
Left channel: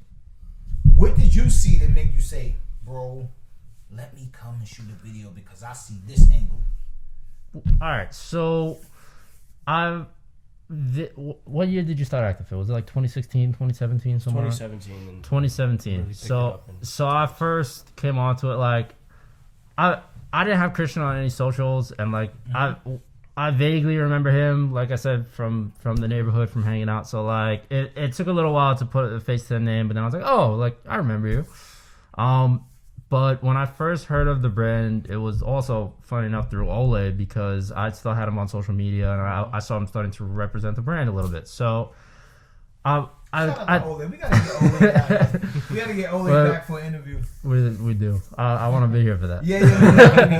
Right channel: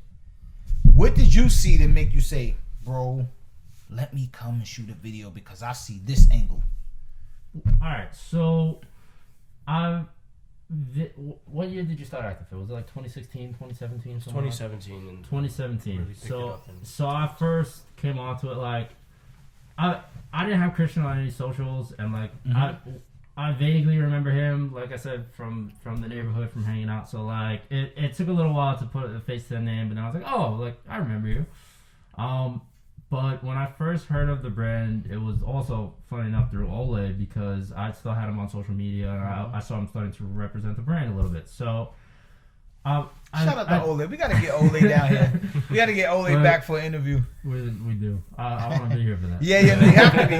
what did you see to make you say, "Bro, let me come and shoot a video because I see this angle"? All right, so what year did you start Active Fit? Was it like 2016, 2017, somewhere? 2017. And 2017. Really So I first came onto it like I didn't have Christian on any socials, and like I vaguely remember him, like I said, from the neighborhood, from hanging out. So like it took a little while to put a face to the name, but then I was like, oh, like I remember you. But when I first heard of the brand, it was also funny enough through Ole because I still had him on social media and I saw him starting to represent the brand a little bit. So shout out to Ole. We gotta get Ole down here. We gotta get Ole back for an interview. We do. I want to be here for that. Yeah,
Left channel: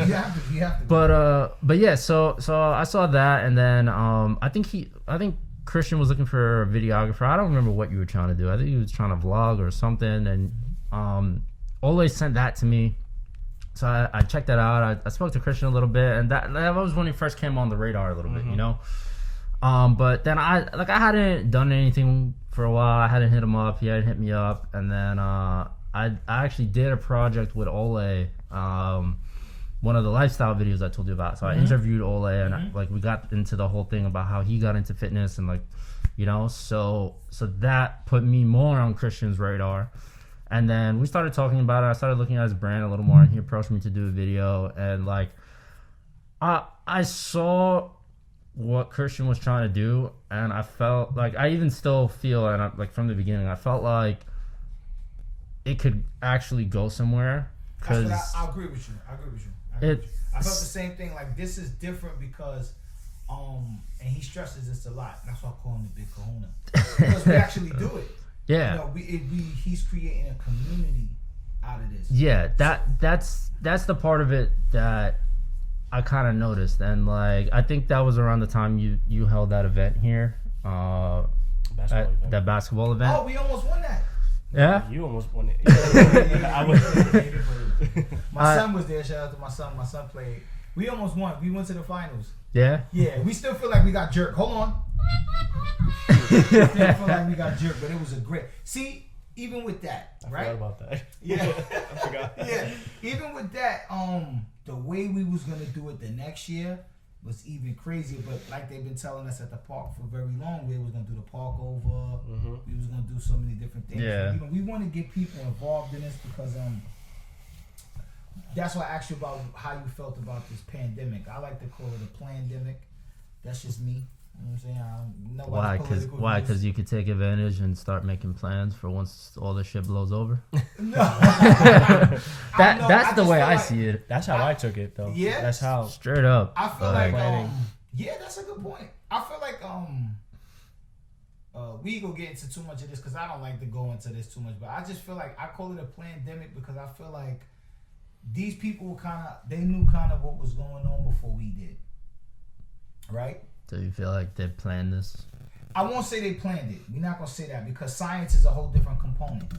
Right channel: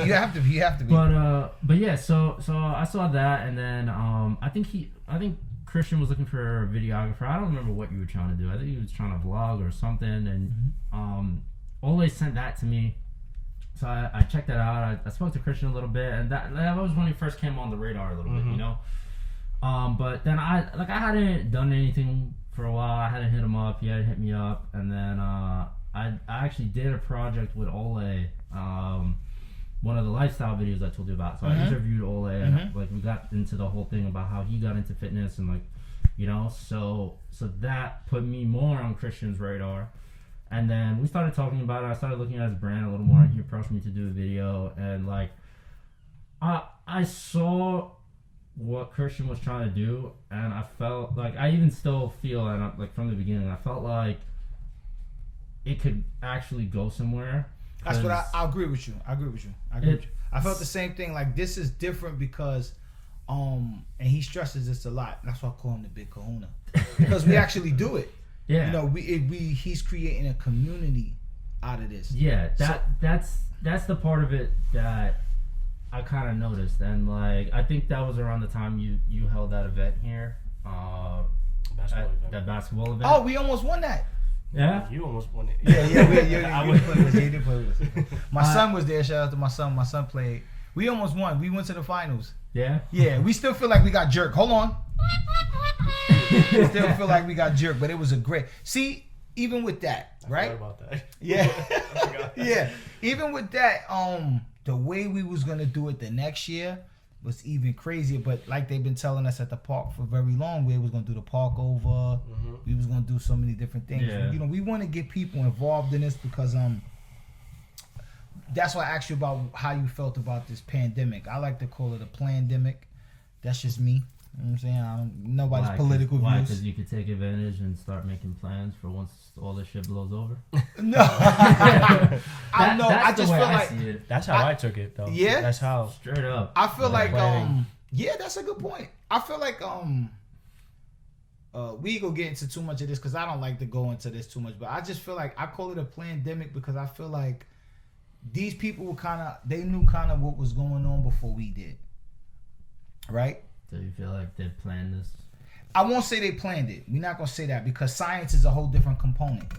you have to be. But yeah, so I saw that, and then I think Christian was looking for a videographer. I don't remember what you were trying to do. I think he was trying to vlog or something, and Ole sent that to me, so I checked that out. I spoke to Christian a little bit, and that was when he first came on the radar a little bit, you know. But then I hadn't done anything for a while. I hadn't hit him up. He hadn't hit me up, and then I actually did a project with Ole, one of the lifestyle videos I told you about. So I interviewed Ole, and we got into the whole thing about how he got into fitness and so that put me more on Christian's radar. And then we started talking about it. I started looking at his brand a little more, and he approached me to do a video. And like, I saw what Christian was trying to do, and I felt like I even still feel, and like from the beginning, I felt like it could actually go somewhere. That's what I agree with you. I felt the same thing. Like, this is different because, and he stresses this a lot. That's why I call him the Big Kahuna, because we actually do it. Yeah, he's creating a community out of this. Yeah, that's the part of it that I kind of noticed, and like I think that was around the time you held that event here, that basketball event. Oh, we almost won that. Yeah, you almost won it. I was. My son was there. Shout out to my son. My son played. We almost won. We went to the finals. Yeah. We still feel like we got jerked. Hold on. We still feel like we got jerked, but it was a great. See, even with that, right? I forgot about that. Yeah. I forgot. Yeah. Even with that, the way we was gonna do it the next year was even crazier. But like they've been telling us at the park for very long, we was gonna do the park over. We was gonna do so many different things. Yeah. And, we want to get people involved in this because that's why I asked you about how you felt about this pandemic. I like to call it a plandemic. That's just me. You know what I'm saying? Nobody's political Why? views. Because you could take advantage and start making plans for once all this shit blows over. No. That's the way I see it. That's how I took it, though. Yeah? That's how. Straight up. I feel like planning. yeah, that's a good point. I feel like we ain't gonna get into too much of this because I don't like to go into this too much, but I just feel like I call it a pandemic because I feel like these people they knew kind of what was going on before we did, right? Do you feel like they planned this? I won't say they planned it. We're not gonna say that because science is a whole different component,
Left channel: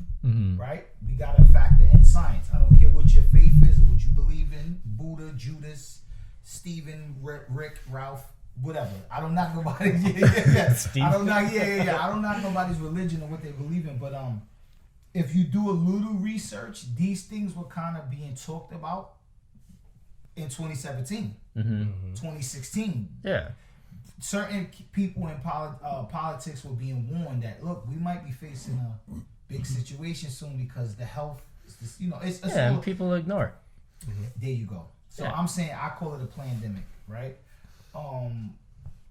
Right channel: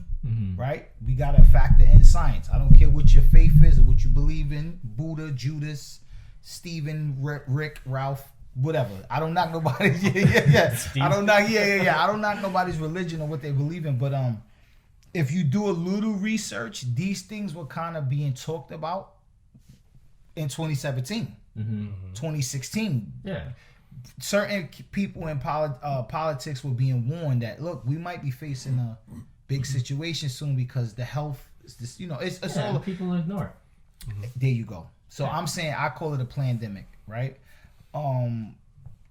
right? We gotta factor in science. I don't care what your faith is or what you believe in. Buddha, Judas, Stephen, Rick, Ralph, whatever. I don't knock nobody. Yeah. I don't knock. I don't knock nobody's religion or what they believe in. But if you do a little research, these things were kind of being talked about in 2017, 2016. Yeah. Certain people in politics were being warned that look, we might be facing a big situation soon because the health is this. It's all people ignore it. There you go. So I'm saying I call it a pandemic, right?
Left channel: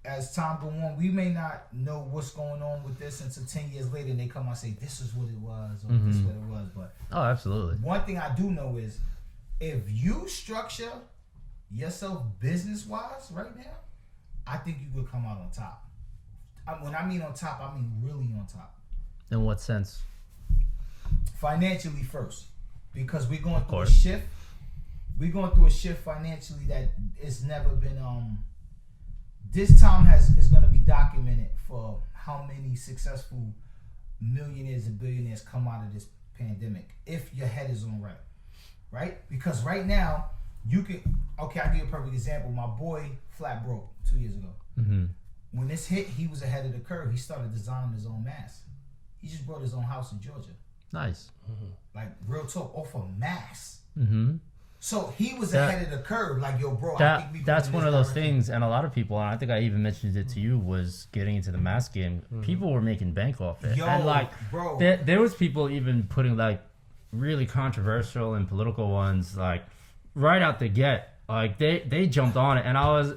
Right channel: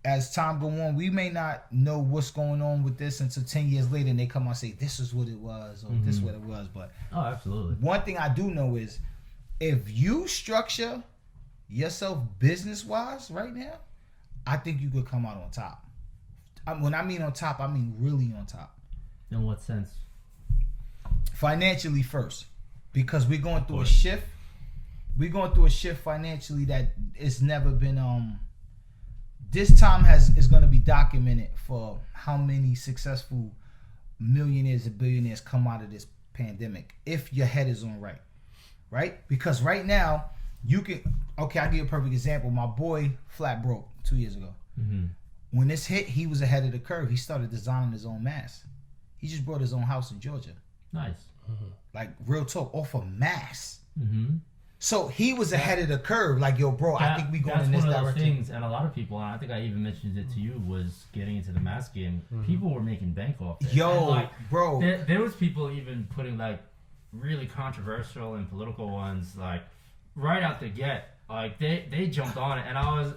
As time go on, we may not know what's going on with this until 10 years later and they come out and say this is what it was or this is what it was. But absolutely. One thing I do know is if you structure yourself business wise right now, I think you could come out on top. When I mean on top, I mean really on top. In what sense? Financially first, because we're going through a shift. We're going through a shift financially that it's never been. This time is going to be documented for how many successful millionaires and billionaires come out of this pandemic. If your head is on right? Because right now you can. Okay, I'll give you a perfect example. My boy flat broke 2 years ago. When this hit, he was ahead of the curve. He started designing his own mask. He just bought his own house in Georgia. Nice. Like real talk, off of mask. So he was ahead of the curve. Like, yo, bro, I think we going that's in this one of those direction. things, and a lot of people, and I think I even mentioned it to you, was getting into the mask game. People were making bank off it. Yo, and bro. There was people even putting like really controversial and political ones, like right out the get. Like they jumped on it, and I was,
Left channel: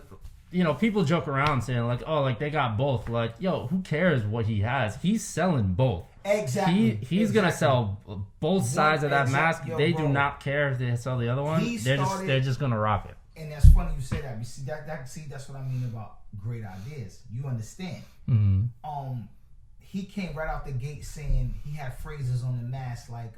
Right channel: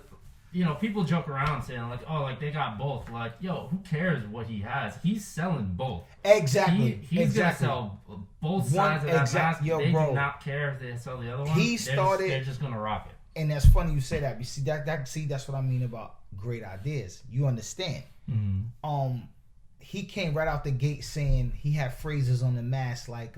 people joke around saying like, oh, like they got both. Like, yo, who cares what he has? He's selling both. Exactly. He's gonna sell both sides of that mask. Yo, they bro. do not care if they sell the other one. They're just gonna rock it. And that's funny you say that. You see that's what I mean about great ideas. You understand? He came right out the gate saying he had phrases on the mask like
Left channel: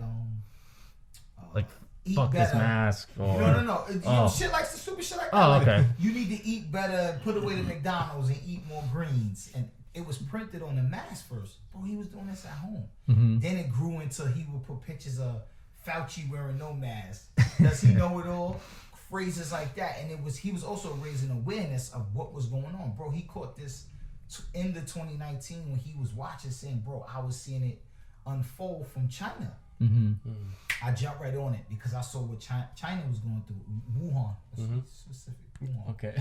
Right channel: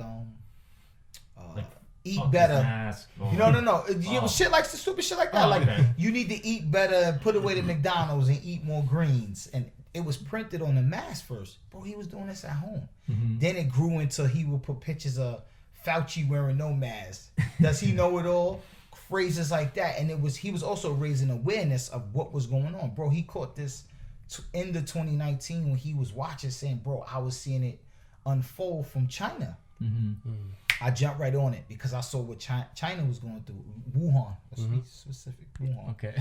eat fuck better. This mask. Or, No. Shit like stupid shit like that. Okay. You need to eat better, put away the McDonald's and eat more greens. And it was printed on the mask first. Bro, he was doing this at home. Then it grew into he would put pictures of Fauci wearing no mask. Does he know it all? Phrases like that. And he was also raising awareness of what was going on. Bro, he caught this in the 2019 when he was watching saying, bro, I was seeing it unfold from China. I jumped right on it because I saw what China was going through. Wuhan, specific. Wuhan. Okay.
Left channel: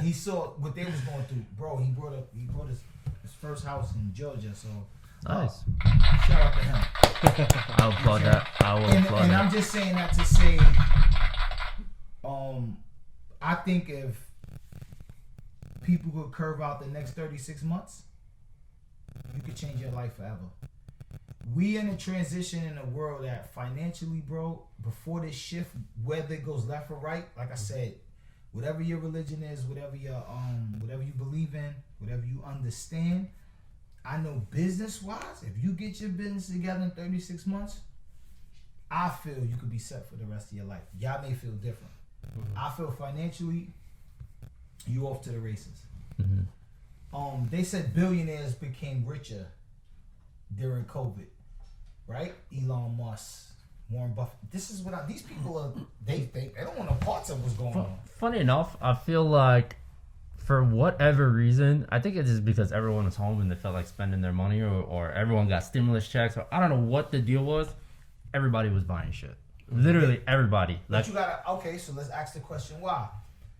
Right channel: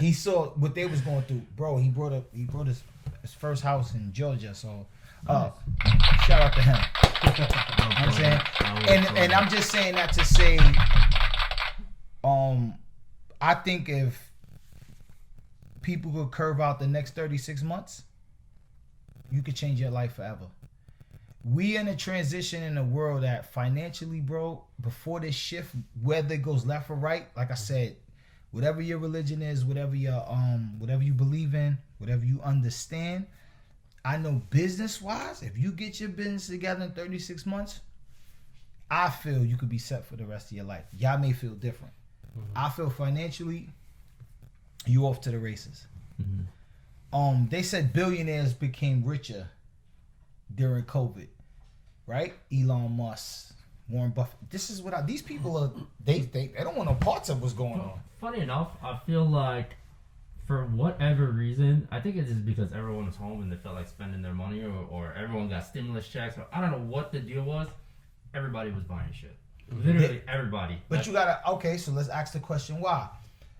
He saw what they was going through, bro. He brought his first house in Georgia, so nice. Shout out to him. And I'm just saying that to say, I think if people could curve out the next 36 months, you could change your life forever. We in a transition in a world that financially, bro, before this shift, whether it goes left or right, like I said, whatever your religion is, whatever you believe in, whatever you understand, I know business-wise, if you get your business together in 36 months, I feel you could be set for the rest of your life. Y'all may feel different. I feel financially, you off to the races. They said billionaires became richer during COVID, right? Elon Musk, Warren Buffett. This is what these people are. They don't want no parts of what's going on. Funny enough, I feel like for whatever reason, I think it's just because everyone was home and they felt like spending their money, or everyone got stimulus checks, or I don't know what the deal was. Everybody was buying shit. Literally everybody. But you gotta so let's ask the question why.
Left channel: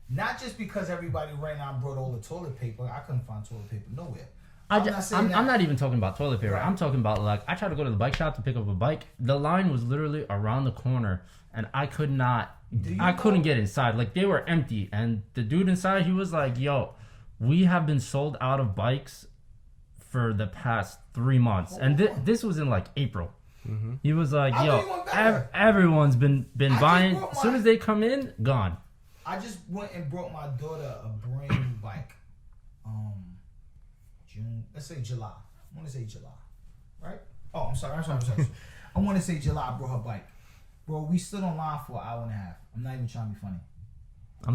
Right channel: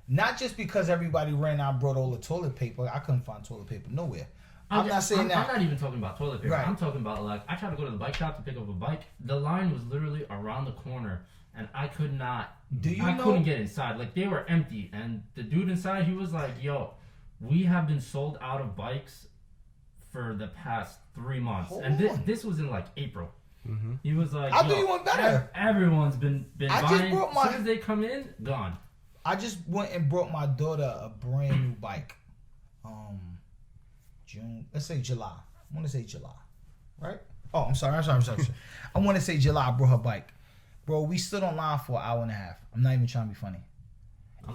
Not just because everybody ran out and brought all the toilet paper. I couldn't find toilet paper nowhere. I'm not even talking about toilet paper. Right. I'm talking about like I tried to go to the bike shop to pick up a bike. The line was literally around the corner, and I could not. I couldn't get inside. Like they were empty, and the dude inside, he was like, "Yo, we have been sold out of bikes for the past 3 months, and this was in like April. Mm-hmm. He was like, I "Yo, thought you went better. everyone's been buying. As soon as they come in, gone." I just went and brought my daughter a brand new bike. June. Let's say July. I want to say July, right? Oh, I'm sorry. I want to say July. I brought her bike, bro. We stood online for an hour and a half. I'm not even trying to be funny.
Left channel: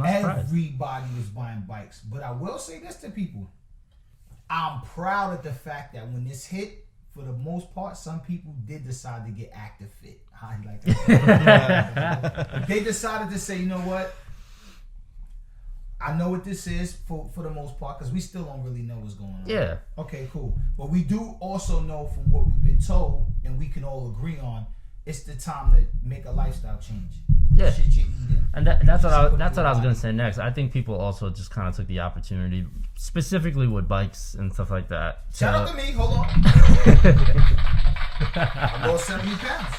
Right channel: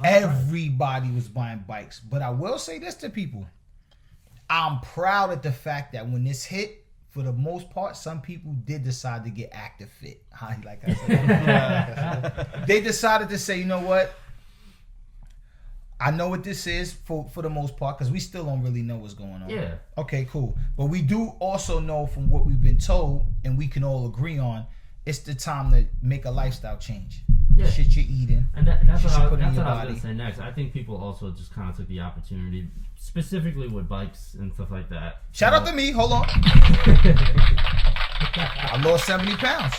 Everybody was buying bikes, but I will say this to people: I'm proud of the fact that when this hit, for the most part, some people did decide to get active fit. I like that. They decided to say, you know what? I know what this is for the most part, because we still don't really know what's going on. Yeah. Okay, cool. But we do also know from what we've been told, and we can all agree on, it's the time to make a lifestyle change. Yeah. Shit you're eating. And that's what I was going to say next. I think people also just kind of took the opportunity, specifically with bikes and stuff like that. Shout out to me. Hold on. I lost 70 pounds.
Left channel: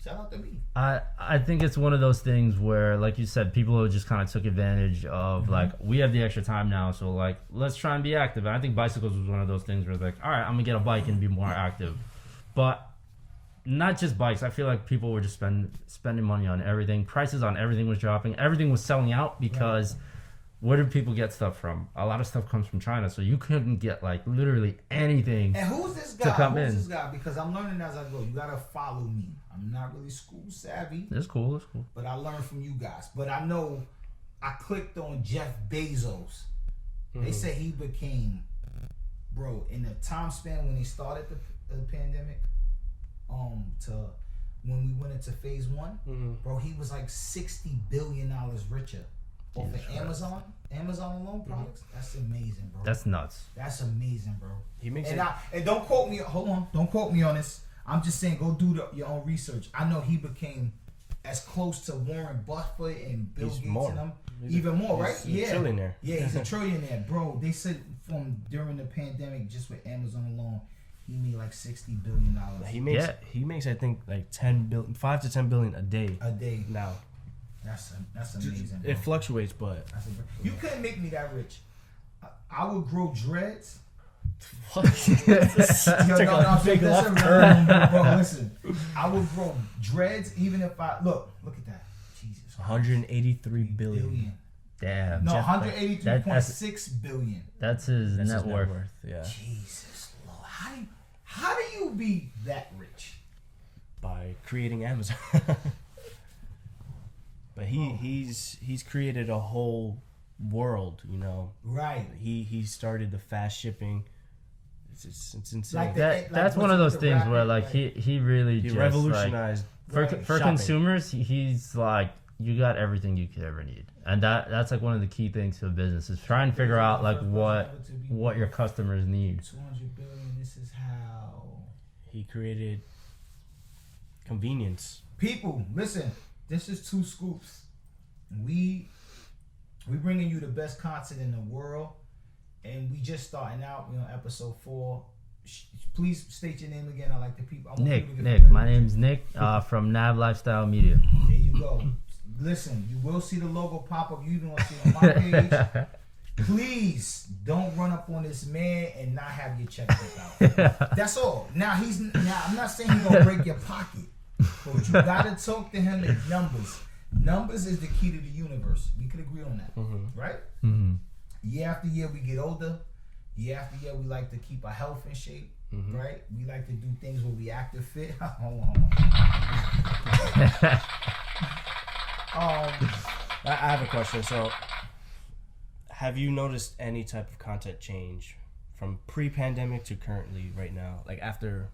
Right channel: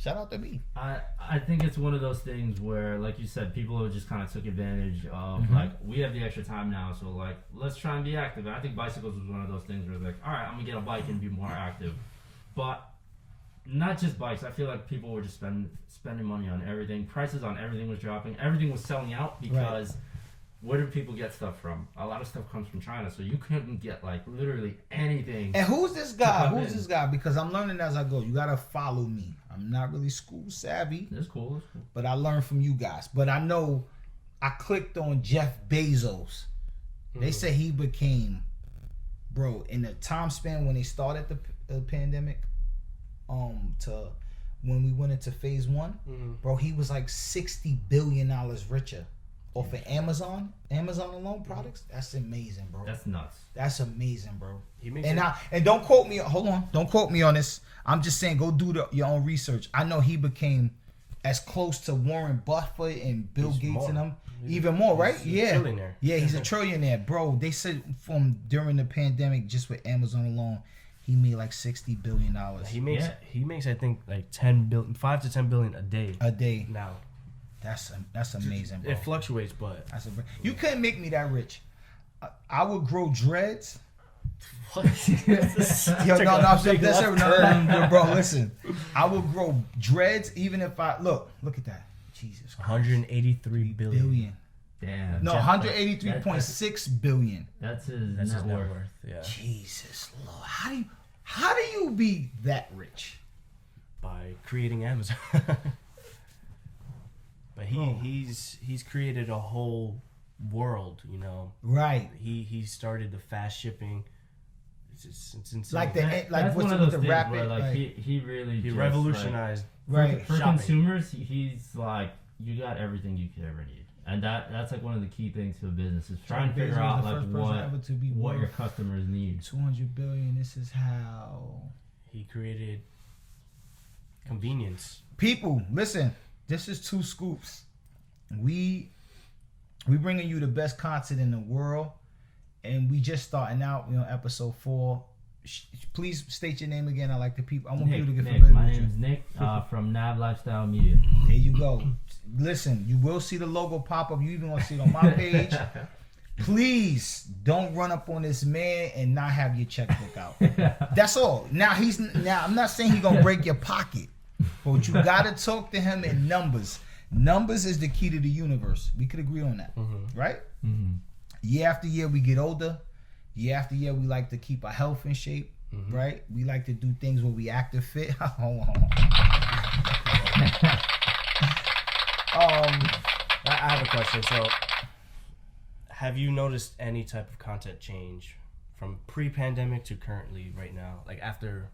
Shout out to me. I think it's one of those things where, like you said, people just kind of took advantage of, like, we have the extra time now, so, like, let's try and be active. And I think bicycles was one of those things where, like, all right, I'm going to get a bike and be more active. But not just bikes. I feel like people were just spending money on everything. Prices on everything was dropping. Everything was selling out because where do people get stuff from? A lot of stuff comes from China, so you couldn't get, like, literally anything. And who's this guy? Because I'm learning as I go. You got to follow me. I'm not really school savvy. It's cool. But I learned from you guys. But I know I clicked on Jeff Bezos. They say he became, bro, in the time span when they started the pandemic, to when we went into phase one, bro, he was like $60 billion richer off of Amazon alone products. That's amazing, bro. That's nuts. That's amazing, bro. He makes and don't quote me. Hold on, don't quote me on this. I'm just saying, go do your own research. I know he became as close to Warren Buffett and Bill Gates and them, even more, right? He's a trillionaire. Yeah, he's a trillionaire, bro. They said from during the pandemic, just with Amazon alone, he made like $60 billion. He makes I think like 5 to 10 billion a day now. That's amazing, bro. It fluctuates, but you couldn't make me that rich. I would grow dreads. What? Bro, listen. I would grow dreads even if I look at that. Jesus Christ. 183 billion. Damn. No, 183.6 billion. That's his net worth. Yeah. Jesus Lord. How do you be that rich? By creating Amazon. But he's created a whole world, you know. Right. He started the fast shipping. It's insane. That's one of those things where like he really revolutionized for shopping. consumers. He's like, you got everything you could ever need, and that's like one of the key things for business is try and figure out like what your customers need. 200 billion. This is how he created convenience. People, listen. This is 2Scoops. We bringing you the best content in the world. And we just starting out, episode 4. Please state your name again. I like the people. I want you to get familiar. My name's Nick from Nav Lifestyle Media. There you go. Listen, you will see the logo pop up. You even want to see it on my page. Please don't run up on this man and not have your checkbook out. That's all. Now I'm not saying he's gonna break your pocket, but you gotta talk to him in numbers. Numbers is the key to the universe. We could agree on that, right? Mm-hmm. Year after year, we get older. Year after year, we like to keep our health in shape, right? We like to do things where we active fit. Hold on. I have a question. So, have you noticed any type of content change from pre-pandemic to currently right now? Like after,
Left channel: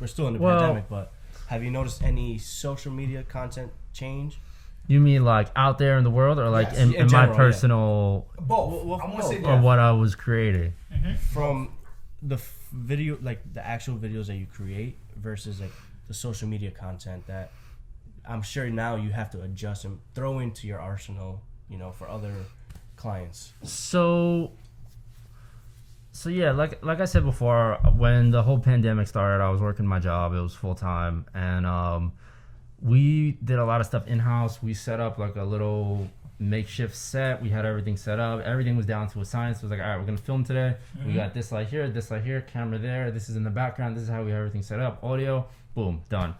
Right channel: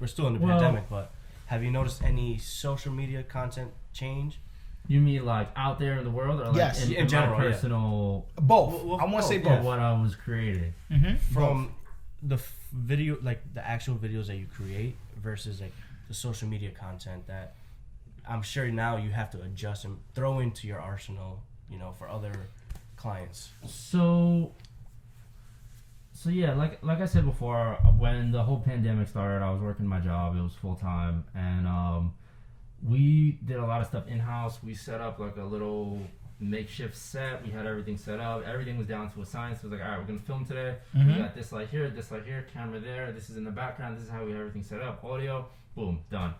we're still in the pandemic, but have you noticed any social media content change? You mean like out there in the world, or like yes, in general, my personal? Both. I want to say both. Or what I was creating. From the video, like the actual videos that you create versus like the social media content that I'm sure now you have to adjust and throw into your arsenal, for other clients. So yeah, like I said before, when the whole pandemic started, I was working my job. It was full time, and we did a lot of stuff in-house. We set up like a little makeshift set. We had everything set up. Everything was down to a science. It was like, all right, we're gonna film today. We got this light here, camera there. This is in the background. This is how we have everything set up. Audio, boom, done.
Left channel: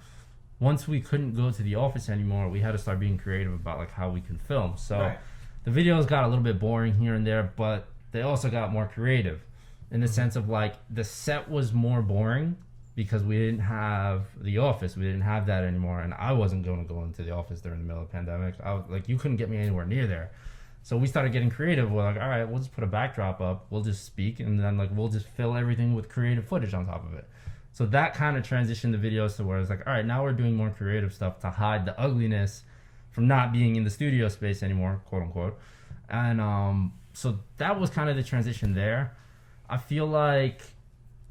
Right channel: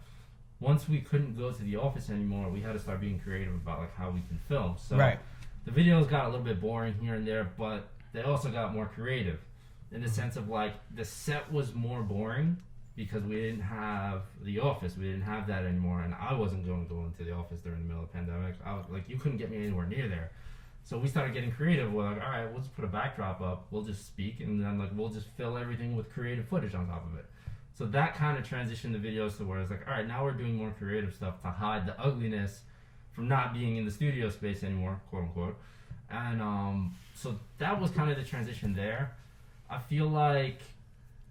Once we couldn't go to the office anymore, we had to start being creative about like how we can film. So the videos got a little bit boring here and there, but they also got more creative in the sense of like the set was more boring because we didn't have the office. We didn't have that anymore, and I wasn't going to go into the office during the middle of the pandemic. I was like, you couldn't get me anywhere near there. So we started getting creative. We're like, all right, we'll just put a backdrop up. We'll just speak, and then like we'll just fill everything with creative footage on top of it. So that kind of transitioned the videos to where it's like, all right, now we're doing more creative stuff to hide the ugliness from not being in the studio space anymore, quote unquote. And so that was kind of the transition there. I feel like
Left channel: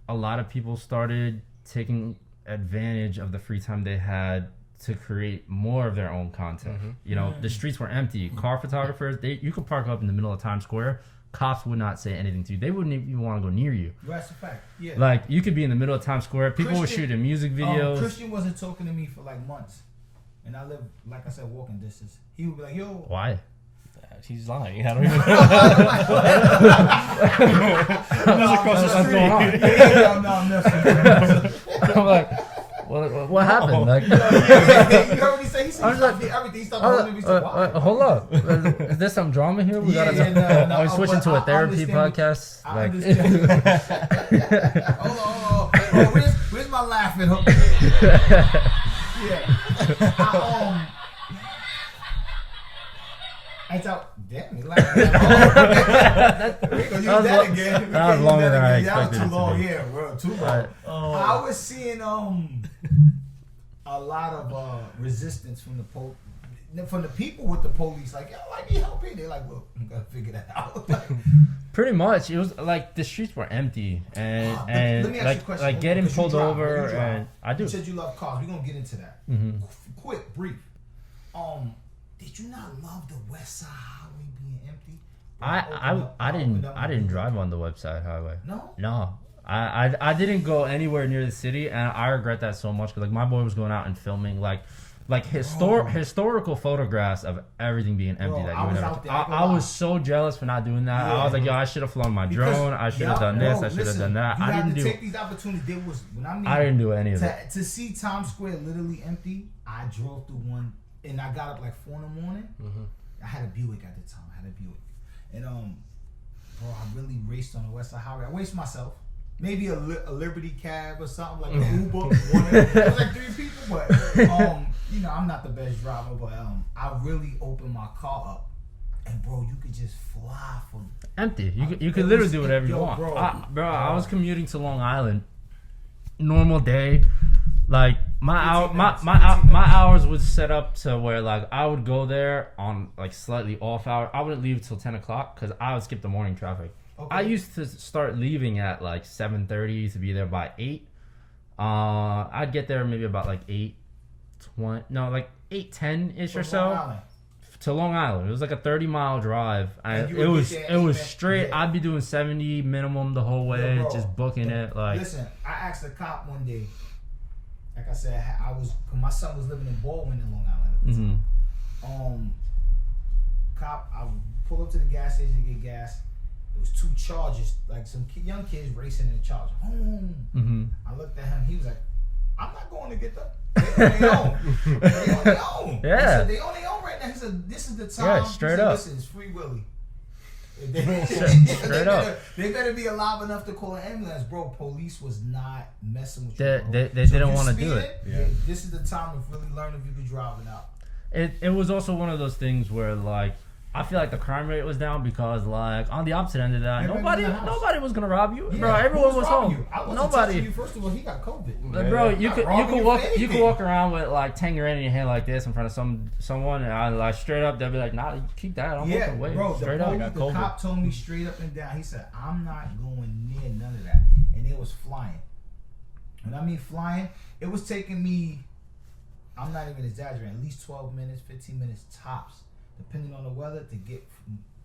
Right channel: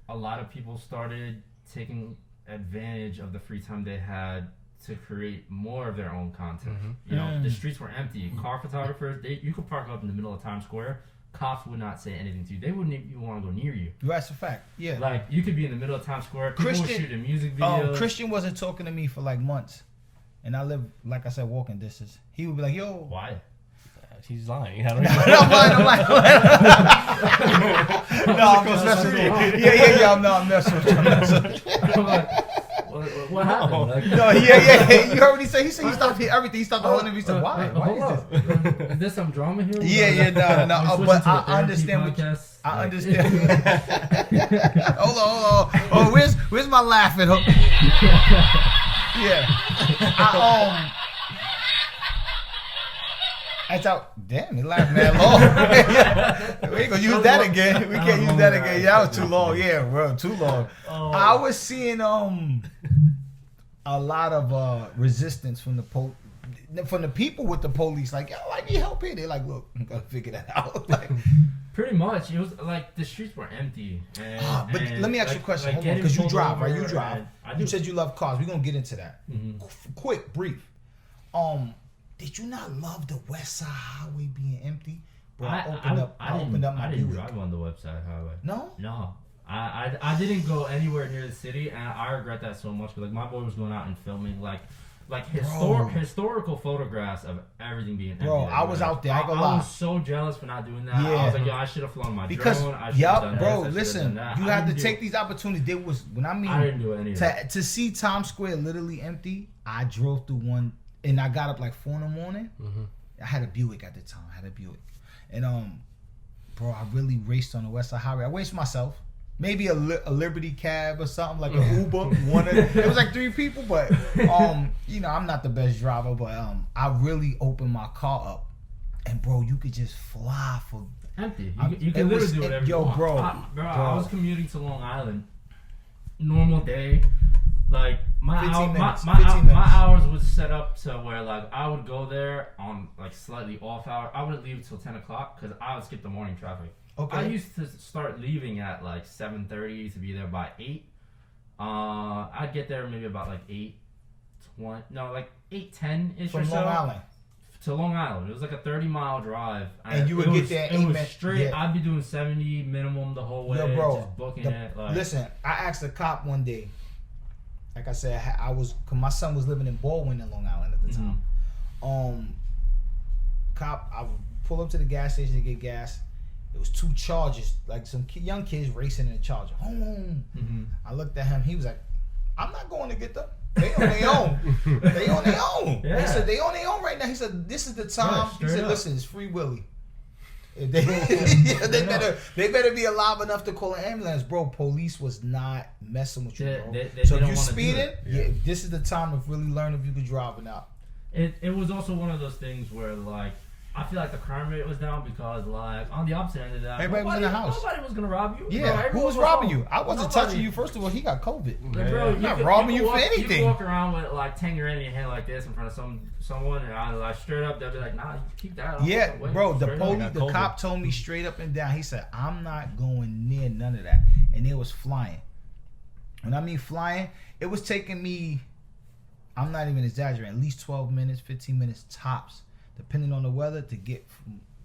a lot of people started taking advantage of the free time they had to create more of their own content. You know, the streets were empty. Car photographers, you could park up in the middle of Times Square. Cops would not say anything to you. They wouldn't even want to go near you. That's a fact. Yeah. Like, you could be in the middle of Times Square. People were shooting music videos. Christian wasn't talking to me for like months. And I live, like I said, walking distance. He would be like, yo. Why? He's lying. I don't even know. No, across the street. Yeah. I'm messing with you. I'm like, what happened? Like, no, yeah. You heard what he said? He said he stopped everything. He stopped holding me. He said, why? Hold up. Is there some drama here? No. Are we switching to a therapy podcast? I understand. Hold on. Oh, where's my laughing? Yeah. That's out. Damn, he laughed that long. We ain't gonna use that again. We can't use that again. Yeah, that was too long. Yeah, bro, too long. I was seeing a lot of resistance from the people with the police. Like, yo, I need help here. They're like, look, I'm gonna figure that out. Like, pretty much, it was like the streets were empty, and let me ask you a question. Like getting pulled over. You drive. I do. You said you love cars. We're gonna get into that. Quick, brief. Did you not love the West Side Highway being empty? Bro, I didn't drive on the West Side Highway. No. I didn't go anywhere near the city, and I regret that so much. Because like my boy was going out and filming like historical photographs of everything being empty. Bro, I was out there. I was so jealous for not doing that. Yeah. I was like, yo, I should have flown my drone. I should have done this. I should have done that. You have to take these opportunities. There was I didn't do any of that. To see Times Square literally empty, I drove through one. And I got up like 4 a.m. I had a Buick at the time. And bro, I really raced on the West Side Highway. I raced myself. Maybe a Liberty cab or something, like an Uber. It was like 3 people, but you know, I'm not the best driver, but I really opened my car up, and bro, you could just fly for empty. You could literally do whatever you want. Bro, I was commuting to Long Island. Normal day. Like my hours was set up to where like I would go there on like slightly off hour. I wouldn't leave till 10 o'clock because I would skip the morning traffic. Okay. I used to start leaving at like 7:30 to be there by 8. I'd get there maybe about like 8:20. No, like 8:10 ish or so. Long Island. To Long Island. It was like a 30-mile drive. And you would it was straight. Yeah. I'd be doing 70 minimum the whole way, just booking it. Like, listen, I asked a cop one day. Like I said, cause my son was living in Baldwin in Long Island at the time. Cop, I would pull up to the gas station to get gas. It was 2 Chargers, like some young kids racing in a Charger. I looked at him. He was like, "I'm not going to get them. They on their own. They on their own." Yeah. He said, "They on their own right now." He said, "This is the time." Yeah, straight he said, up. "Listen, it's Free Willy. They better be alive enough to call an ambulance, bro." Police was not messing with you, bro. They so didn't want to do it. Yeah, this is the time to really learn if you could drive or not. It was also one of those things where like I feel like the crime rate was down because like on the opposite end of that, nobody was gonna rob you. Yeah, bro, everyone was robbing home. you. I wasn't touching you. First of all, he got COVID. Like, bro, you could walk around with like 10 grand in your hand like this in front of someone, and I like straight up they'll be like, "Nah, keep that." Bro, the cop told me straight up and down. He said, "I'm not going near none of that," and it was flying. When I mean flying, it was taking me. I'm not even exaggerating. At least 12 minutes, 15 minutes tops, depending on the weather, to get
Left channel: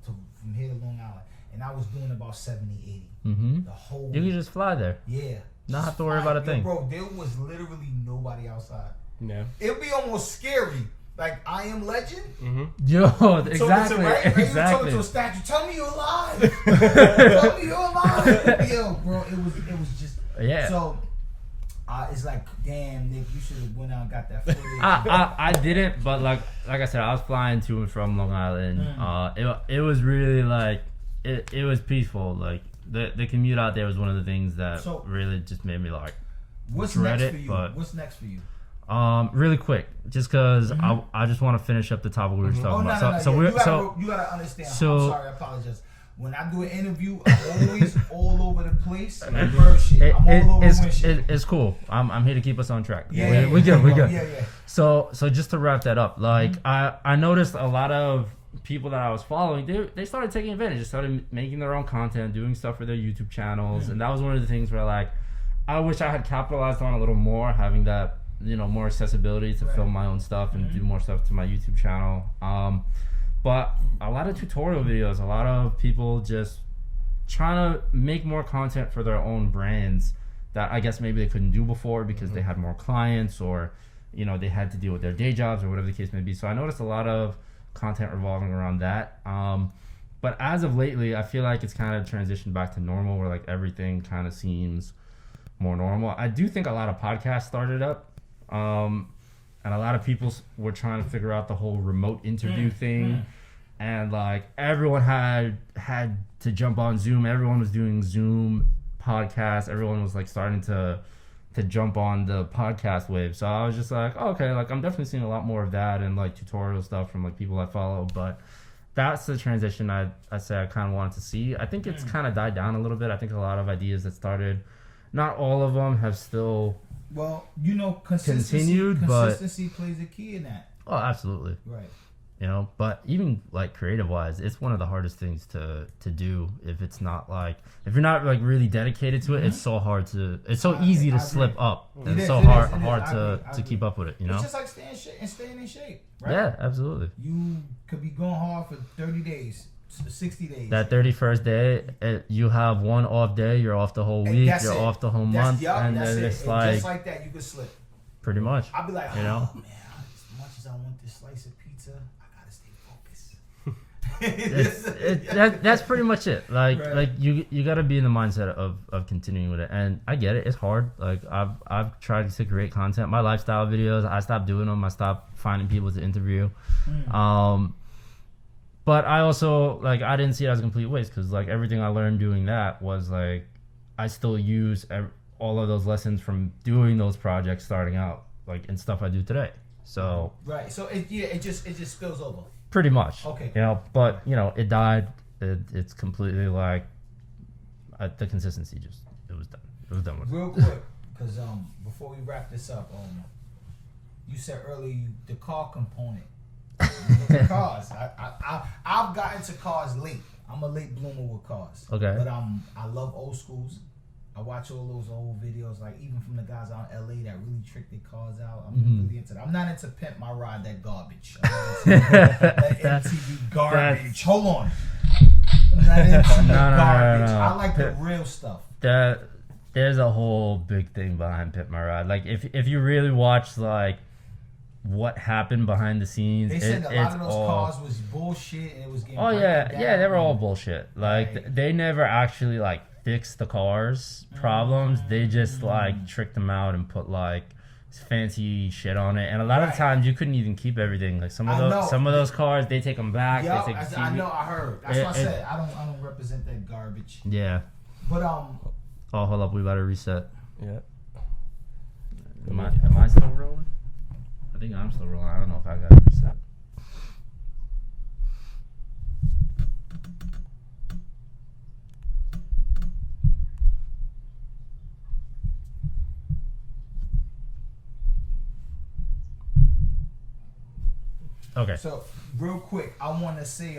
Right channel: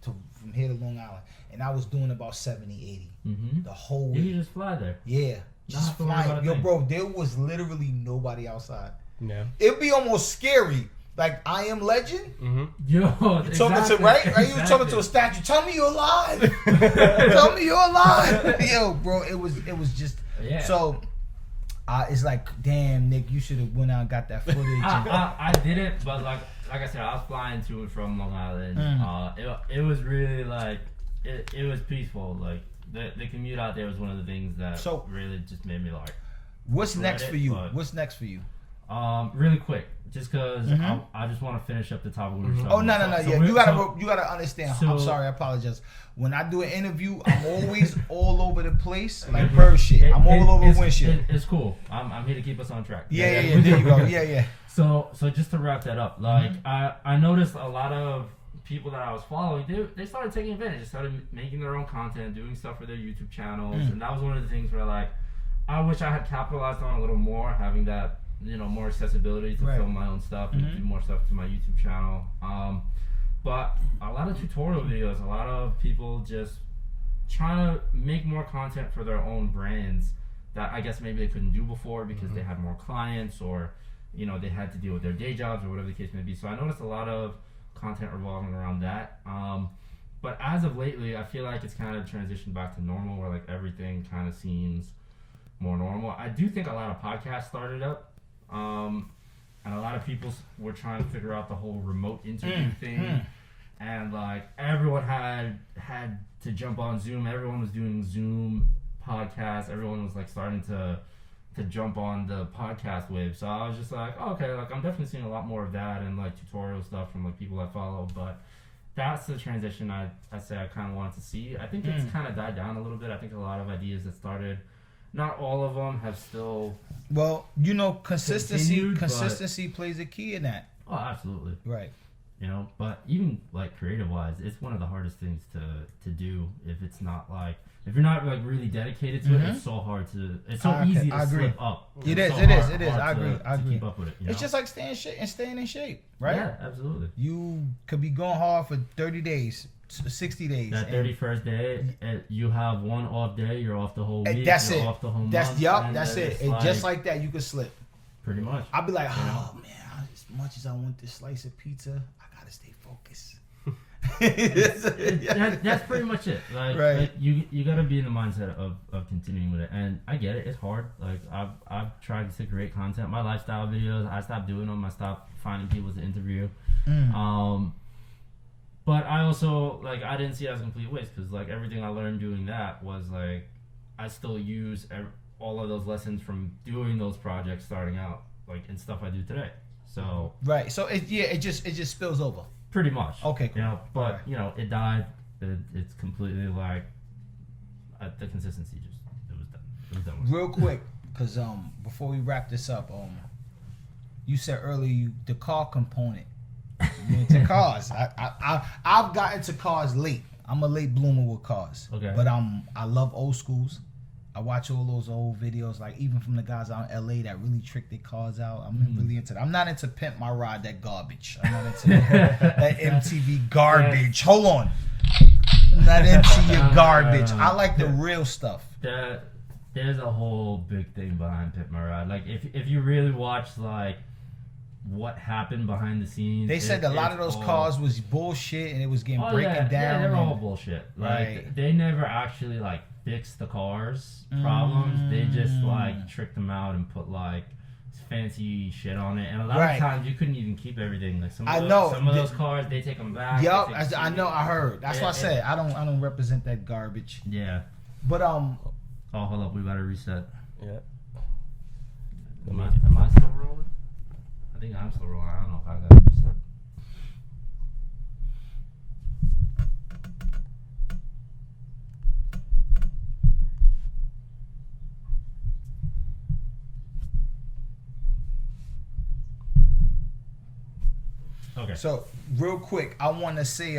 from here to Long Island. And I was doing about 70, 80 the whole week. You can just fly there. Yeah. Not have to worry about a thing. Bro, there was literally nobody outside. Yeah. It'd be almost scary Like I Am Legend. Mm-hmm. Yo, exactly, Talking to right? Are you talking to a statue? Tell me you're alive. Tell me you're alive. Yo, bro, it was just So it's like, damn, Nick, you should have went out and got that footage. I didn't, but like I said, I was flying to and from Long Island. It was really like it was peaceful. Like the commute out there was one of the things that really just made me like. What's next for you? What's next for you? Really quick, just because I just want to finish up the topic we were talking about. No. You gotta understand. I'm sorry, I apologize. When I do an interview, I'm always all over the place, like bird shit. I'm all over the windshield. It's cool. I'm here to keep us on track. Yeah. So just to wrap that up, like I noticed a lot of people that I was following, they started taking advantage. They started making their own content, doing stuff for their YouTube channels, and that was one of the things where like I wish I had capitalized on a little more, having that more accessibility to film my own stuff and do more stuff to my YouTube channel. But a lot of tutorial videos, a lot of people just trying to make more content for their own brands that I guess maybe they couldn't do before because they had more clients or, they had to deal with their day jobs or whatever the case may be. So I noticed a lot of content revolving around that. But as of lately, I feel like it's kind of transitioned back to normal where like everything kind of seems more normal. I do think a lot of podcasts started up. And a lot of people were trying to figure out the whole remote interview thing. And like everyone had to jump on Zoom. Everyone was doing Zoom podcasts. Everyone was like starting to jump on the podcast wave. So I was just like, okay, like I'm definitely seeing a lot more of that and like tutorial stuff from like people I follow. But that's the transition I say I kind of wanted to see. I think it's kind of died down a little bit. I think a lot of ideas that started, not all of them have still consistency plays a key in that. Oh, absolutely. Right. But even like creative wise, it's one of the hardest things to do if it's not like if you're not like really dedicated to it. It's so hard to easy to slip up. It is hard to keep up with it. It's just like staying in shape, right? Yeah, absolutely. You could be going hard for 30 days. 60 days. That 31st day, you have one off day, you're off the whole week, you're off the whole month. That's it. And just like that, you could slip. Pretty much. I'll be like, man, as much as I want this slice of pizza, I gotta stay focused. That's pretty much it. Like you gotta be in the mindset of continuing with it. And I get it, it's hard. Like I've tried to create content. My lifestyle videos, I stopped doing them. I stopped finding people to interview. But I also, like, I didn't see it as a complete waste because, like, everything I learned doing that was, like, I still use all of those lessons from doing those projects starting out, like, and stuff I do today. So. Right. So, it just spills over. Pretty much. Okay. But, it died. It's completely, like, the consistency it was done. It was done with. Real quick, because before we wrap this up, you said earlier the car component. To cars, I've gotten to cars late. I'm a late bloomer with cars. Okay. But I love old schools. I watch all those old videos, like even from the guys out in LA that really trick their cars out. I'm really into that. I'm not into Pimp My Ride, that garbage. I'm not into that MTV garbage. Hold on. I'm not into your garbage. I like the real stuff. There's a whole big thing behind Pimp My Ride. Like if you really watch like what happened behind the scenes. They said a lot of those cars was bullshit and it was getting broken down. Yeah, they were all bullshit. Like they never actually like fixed the cars problems. They just like tricked them out and put like fancy shit on it. And a lot of times you couldn't even keep everything. Like some of those cars, they take them back. Yup, I know. I heard. That's what I said. I don't represent that garbage. Yeah. But oh, hold up. We gotta reset. Yeah. Am I still rolling? I think I'm still rolling. I don't know if I got it reset. Okay. So, real quick, I want to say,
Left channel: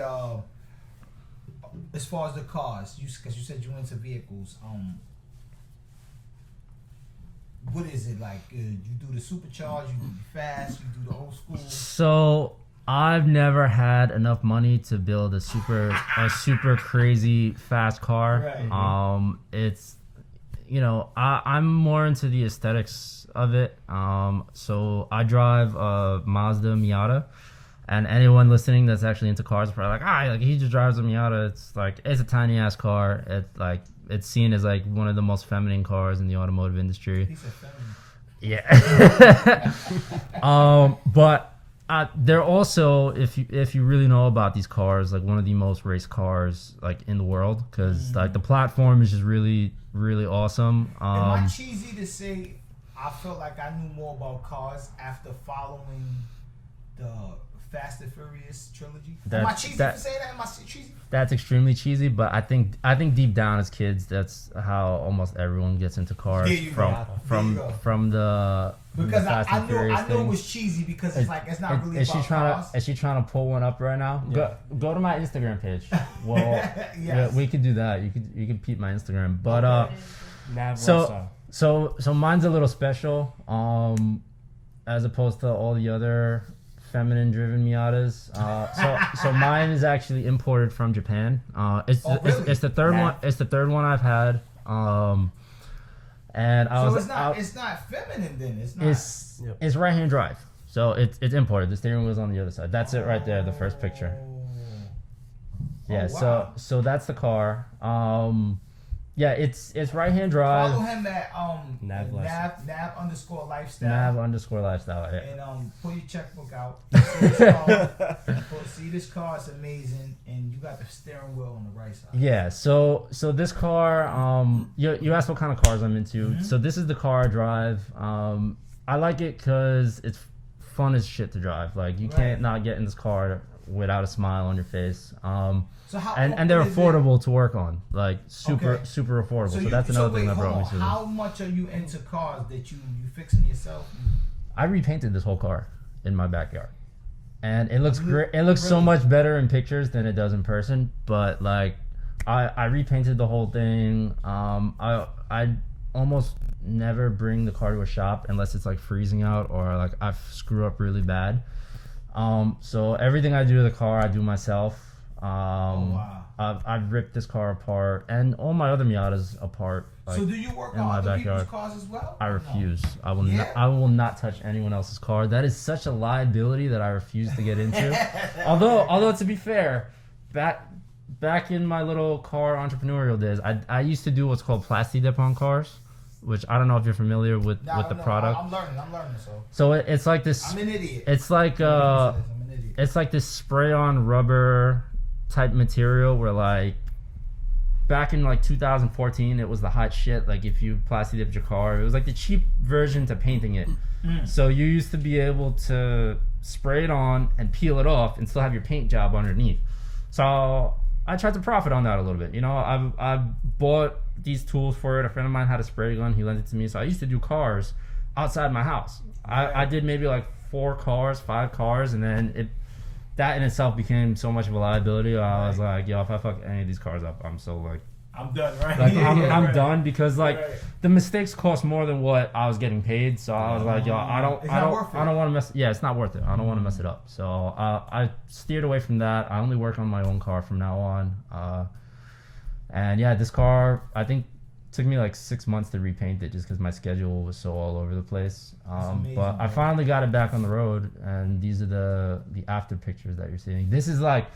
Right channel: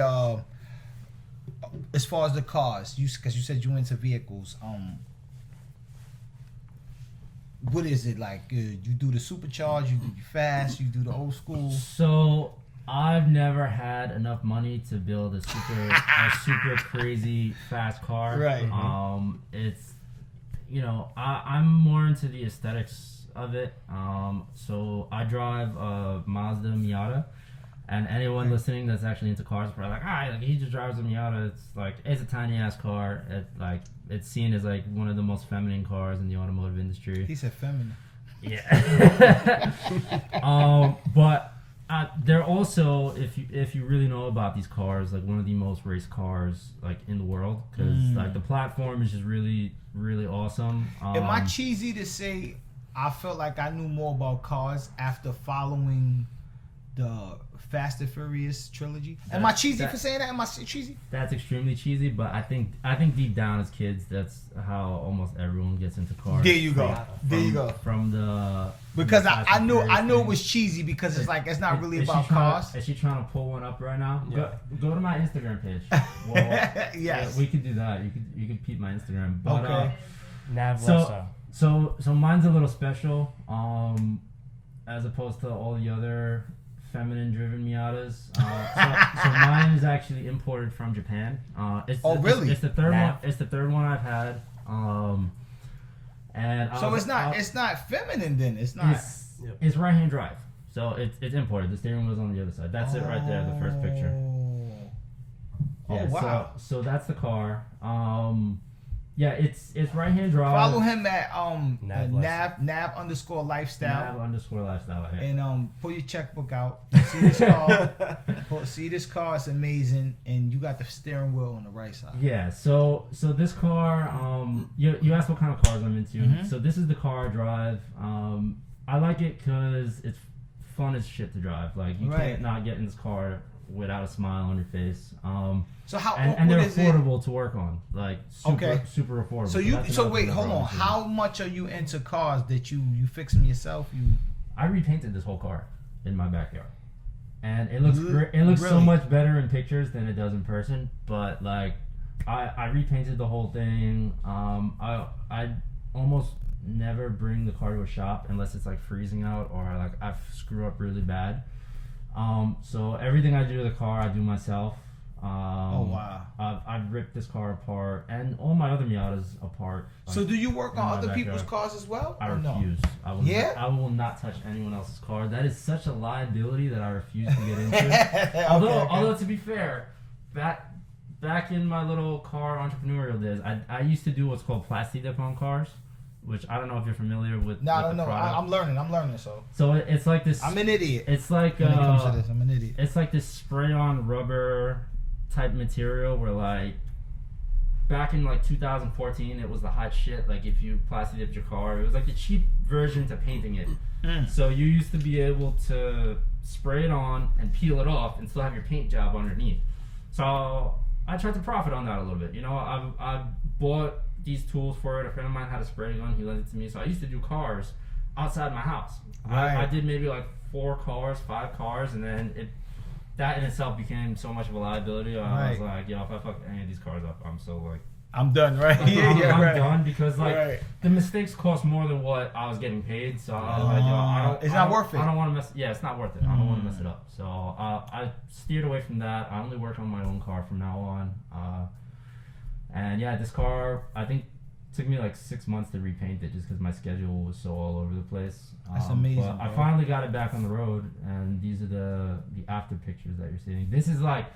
as far as the cars, because you said you into vehicles, what is it like? You do the supercharged, you do the fast, you do the old school. So I've never had enough money to build a super crazy fast car. Right. It's I'm more into the aesthetics of it. So I drive a Mazda Miata, and anyone listening that's actually into cars is probably like, he just drives a Miata. It's a tiny ass car. It's seen as like one of the most feminine cars in the automotive industry. He said feminine. Yeah. But they're also, if you really know about these cars, like one of the most raced cars like in the world, because like the platform is just really, really awesome. Am I cheesy to say I felt like I knew more about cars after following the Fast and Furious trilogy? Am I cheesy for saying that? Am I cheesy? That's extremely cheesy, but I think deep down as kids, that's how almost everyone gets into cars. There you go. From the because I know it was cheesy because it's like it's not really about cars. Is she trying to pull one up right now? Yeah. Go to my Instagram page. Well, yes. Yeah, we could do that. You could peep my Instagram, but Nav so mine's a little special, as opposed to all the other feminine driven Miatas. So mine is actually imported from Japan. Really? It's the third one. It's the third one I've had. And it's not feminine then. It's not. It's right hand drive. So it's imported. The steering wheel's on the other side. That's it right there. The first picture. Yeah. Wow. So that's the car. Yeah, it's right hand drive. Follow him at Nav _lifestyle. Nav_lifestyle. Yeah. And pull your checkbook out. See this car. It's amazing, and you got the steering wheel on the right side. Yeah. So this car. You asked what kind of cars I'm into. Mm-hmm. So this is the car I drive. I like it because it's fun as shit to drive. Like you can't not get in this car without a smile on your face. So how and they're affordable to work on, like super affordable. So wait, hold on. How much are you into cars that you fix them yourself? I repainted this whole car in my backyard, and it looks great. It looks so much better in pictures than it does in person. But like, I repainted the whole thing. I almost never bring the car to a shop unless it's like freezing out or like I screw up really bad. So everything I do to the car, I do myself. Oh wow! I've ripped this car apart and all my other Miatas apart. Like, so do you work on other people's cars as well? I refuse. No? I will not touch anyone else's car. That is such a liability that I refuse to get into. Although to be fair, back in my little car entrepreneurial days, I used to do what's called plasti dip on cars, which I don't know if you're familiar with the product. I'm learning. So it's like this. I'm an idiot. It's like I'm an idiot. It's like this spray-on rubber type material where like back in like 2014 it was the hot shit. Like if you plasti dipped your car, it was like the cheap version to painting it. So you used to be able to spray it on and peel it off and still have your paint job underneath. So I tried to profit on that a little bit. You know, I bought these tools for it. A friend of mine had a spray gun. He lent it to me. So I used to do cars outside my house. Right. I did maybe like 5 cars, and then that in itself became so much of a liability. I was like, yo, if I fuck any of these cars up, I'm done, right? Like, I'm done because like the mistakes cost more than what I was getting paid. So I was like, yo, it's not worth it. I don't want to mess. Yeah, it's not worth it. I don't want to mess it up. So I steered away from that. I only work on my own car from now on. And yeah, this car, I think, took me like 6 months to repaint it just because my schedule was so all over the place. That's amazing. But I finally got it back on the road, and these are the after pictures that you're seeing. This is like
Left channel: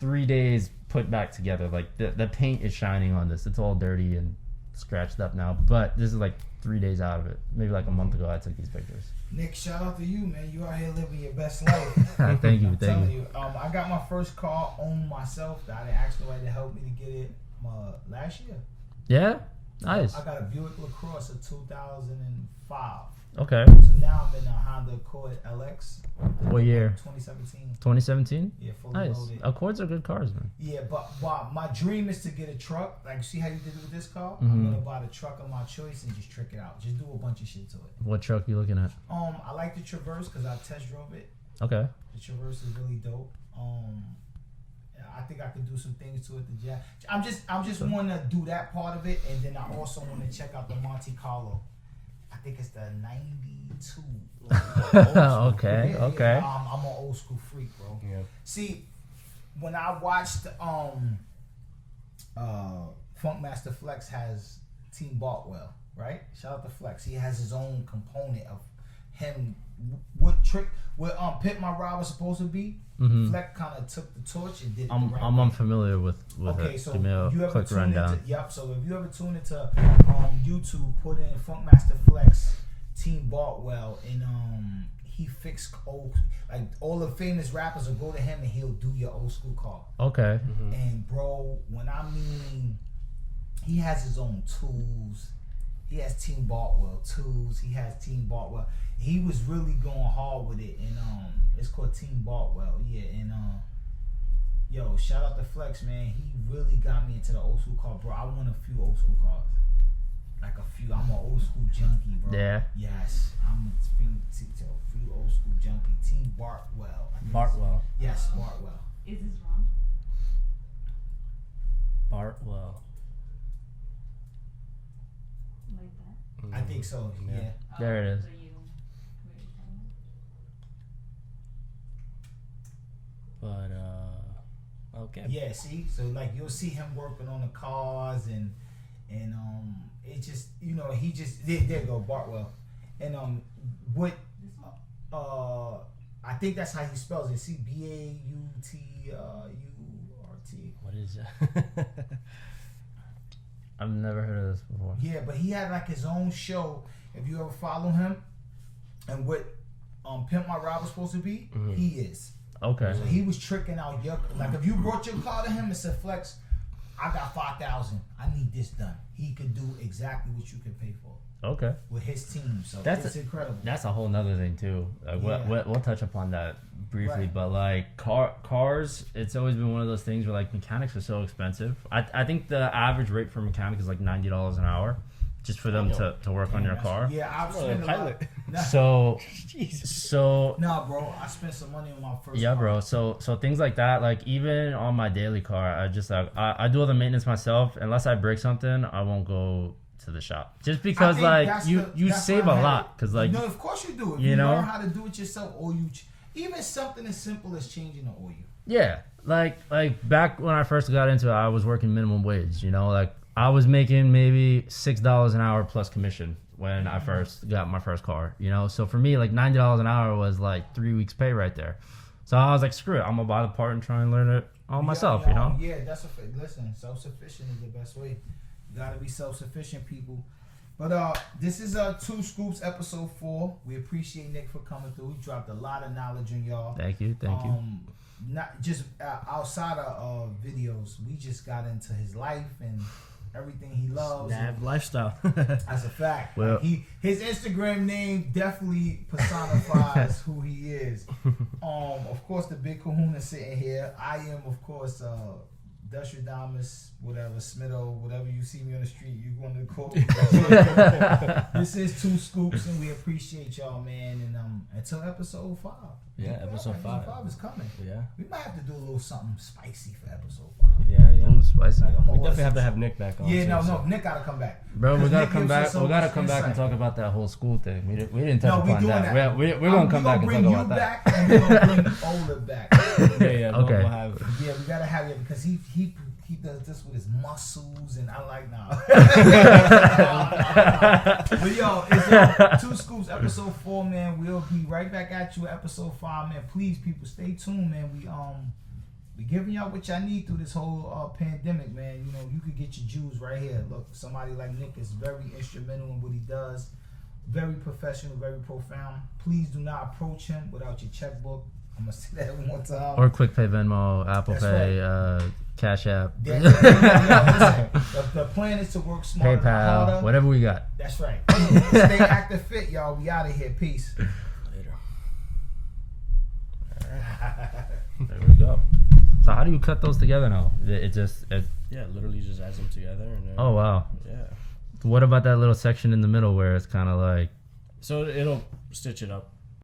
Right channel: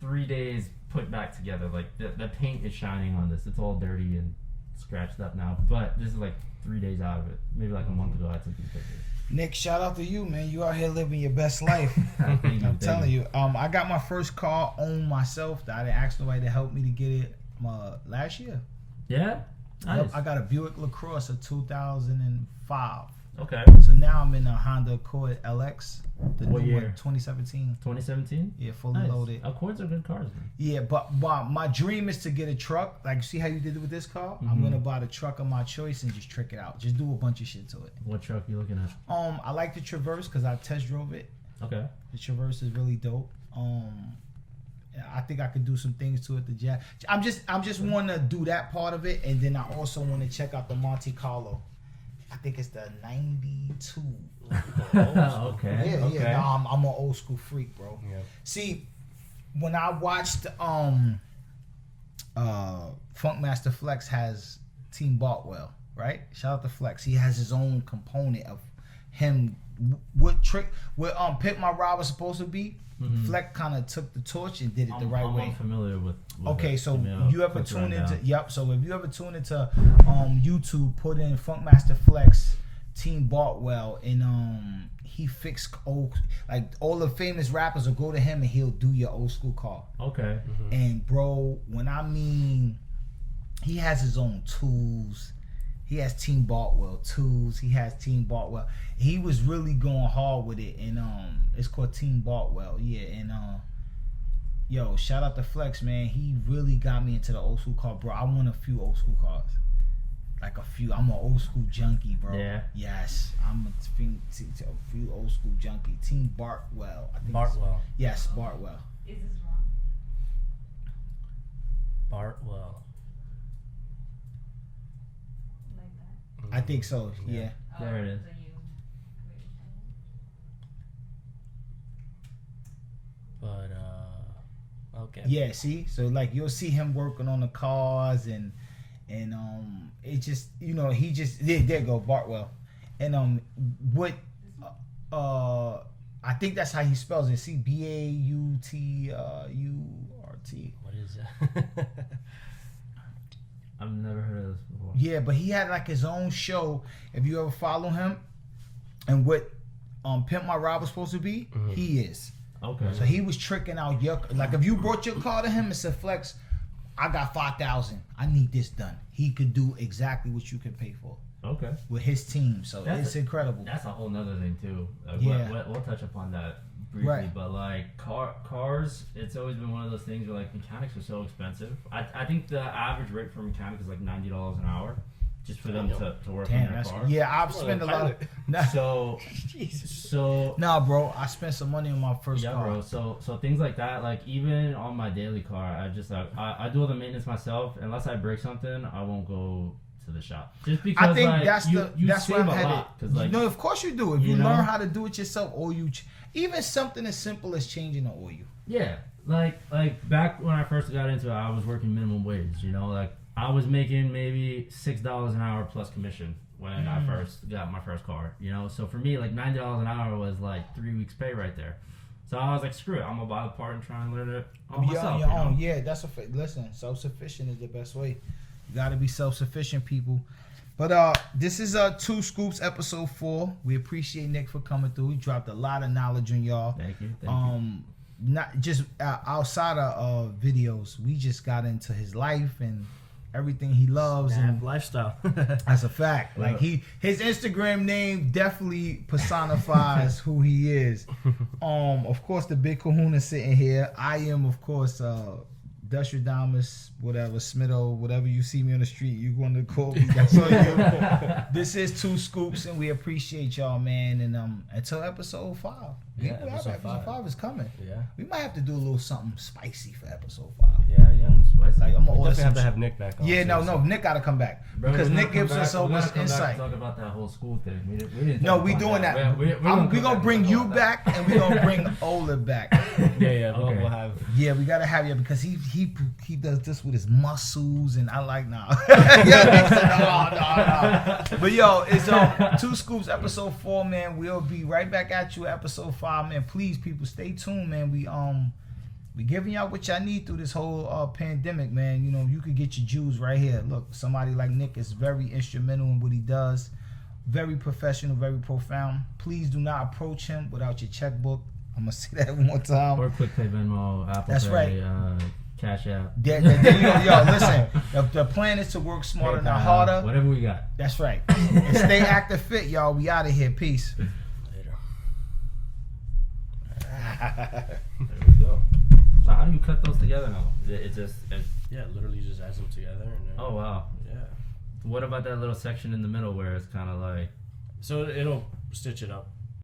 3 days put back together. Like the paint is shining on this. It's all dirty and scratched up now, but this is like 3 days out of it. Maybe like a month ago I took these pictures. Nick, shout out to you, man. You out here living your best life. Thank you. I'm telling you. I got my first car on myself. I didn't ask nobody to help me to get it last year. Yeah? Nice. I got a Buick LaCrosse of 2005. Okay. So now I'm in a Honda Accord LX. What year? 2017. 2017? Yeah, fully loaded. Accords are good cars, man. Yeah, but my dream is to get a truck. Like, see how you did it with this car? Mm-hmm. I'm going to buy the truck of my choice and just trick it out. Just do a bunch of shit to it. What truck are you looking at? I like the Traverse because I test drove it. Okay. The Traverse is really dope. I think I could do some things to it. I'm just want to do that part of it, and then I also want to check out the Monte Carlo. I think it's the 92. Okay. Yeah, okay. Yeah, I'm an old school freak, bro. Yeah. See, when I watched Funkmaster Flex has Team Bartwell, right? Shout out to Flex. He has his own component of him. What Pit My Ride was supposed to be. Flex kind of took the torch and did it the right way. I'm unfamiliar with okay, it. so you ever tune into so if you ever tune into YouTube, put in Funkmaster Flex Team Bartwell, and he fixed all the famous rappers will go to him and he'll do your old school car. Okay. And bro, when I mean he has his own tools. He has Team Bartwell tools. He has Team Bartwell. He was really going hard with it, and it's called Team Bartwell. Yeah, and yo, shout out to Flex, man. He really got me into the old school car, bro. I want a few old school cars, like a few. I'm an old school junkie, bro. Yeah. Yes, I'm a few old school junkie. Team Bartwell. Bartwell. Yes, Bartwell. Is this wrong? Bartwell. Like that? I think so. Yeah. There it is. So you created that? But okay. Yeah, see, so like you'll see him working on the cars, and it just he just there you go Bartwell, and what I think that's how he spells it. See, Bauturt. What is that? I've never heard of this before. Yeah, but he had like his own show. If you ever follow him, and what Pimp My Ride was supposed to be, he is. Okay. So he was tricking out your like if you brought your car to him and said, Flex, I got 5,000. I need this done. He could do exactly what you could pay for. Okay. With his team, so it's incredible. That's a whole nother thing too. Like, Yeah. we'll touch upon that briefly, Right. but like cars, it's always been one of those things where like mechanics are so expensive. I think the average rate for mechanic is like $90 an hour, just for them to work on your car. Yeah, I've spent a lot. So Jesus. so Nah, bro, I spent some money on my first car. bro. So things like that, like even on my daily car, I just like I do all the maintenance myself. Unless I break something, I won't go to the shop. Just because like you save a lot. Because like no, of course you do. If you know? learn how to do it yourself, or even something as simple as changing the oil. Yeah, like back when I first got into it, I was working minimum wage. Like I was making maybe $6 an hour plus commission when I first got my first car. So for me, like $90 an hour was like 3 weeks' pay right there. So I was like, screw it, I'm gonna buy the part and try and learn it on myself. Yeah, that's listen. Self-sufficient is the best way. You gotta be self-sufficient, people. But this is 2 Scoops episode 4. We appreciate Nick for coming through. He dropped a lot of knowledge on y'all. Thank you. Not just outside of videos, we just got into his life and everything he loves. And lifestyle. That's a fact. Well, like his Instagram name definitely personifies who he is. Of course, the big kahuna sitting here. I am, of course, Dustradamus, whatever, Smitto, whatever you see me on the street, you going to call me. This is 2 Scoops, and we appreciate y'all, man. And until episode 5. Yeah, episode 5 is coming. Yeah. We might have to do a little something spicy for episode 5. Yeah. Spicy. Like, I'm We gonna definitely have to have Nick back on. Yeah, too, no, Nick gotta come back. Bro, we because gotta Nick come gives back. us so We gotta much come back and insight. talk about that whole school thing. We didn't. No, touch we upon doing that. We're We're gonna bring you back, and we're gonna bring Ola back. Yeah. Okay. We'll have. Yeah, we gotta have you because he does this with his muscles, and I like nah. No. But yo, it's 2 Scoops episode 4, man. We'll be right back at you at episode 5, man. Please, people, stay tuned, man. We giving y'all what y'all need through this whole pandemic, man. You could get your Jews right here. Look, somebody like Nick is very instrumental in what he does. Very professional, very profound. Please do not approach him without your checkbook. I'm going to say that one more time. Or Quick Pay, Venmo, Apple That's Pay, right. Cash App, Yo, listen, the plan is to work smarter, not harder. PayPal, whatever we got. That's right. And stay active fit, y'all. We out of here. Peace. Later. There we go. So how do you cut those together now? Yeah, literally just adds them together. And then, Oh wow. Yeah. What about that little section in the middle where it's kind of like? So it'll stitch it up.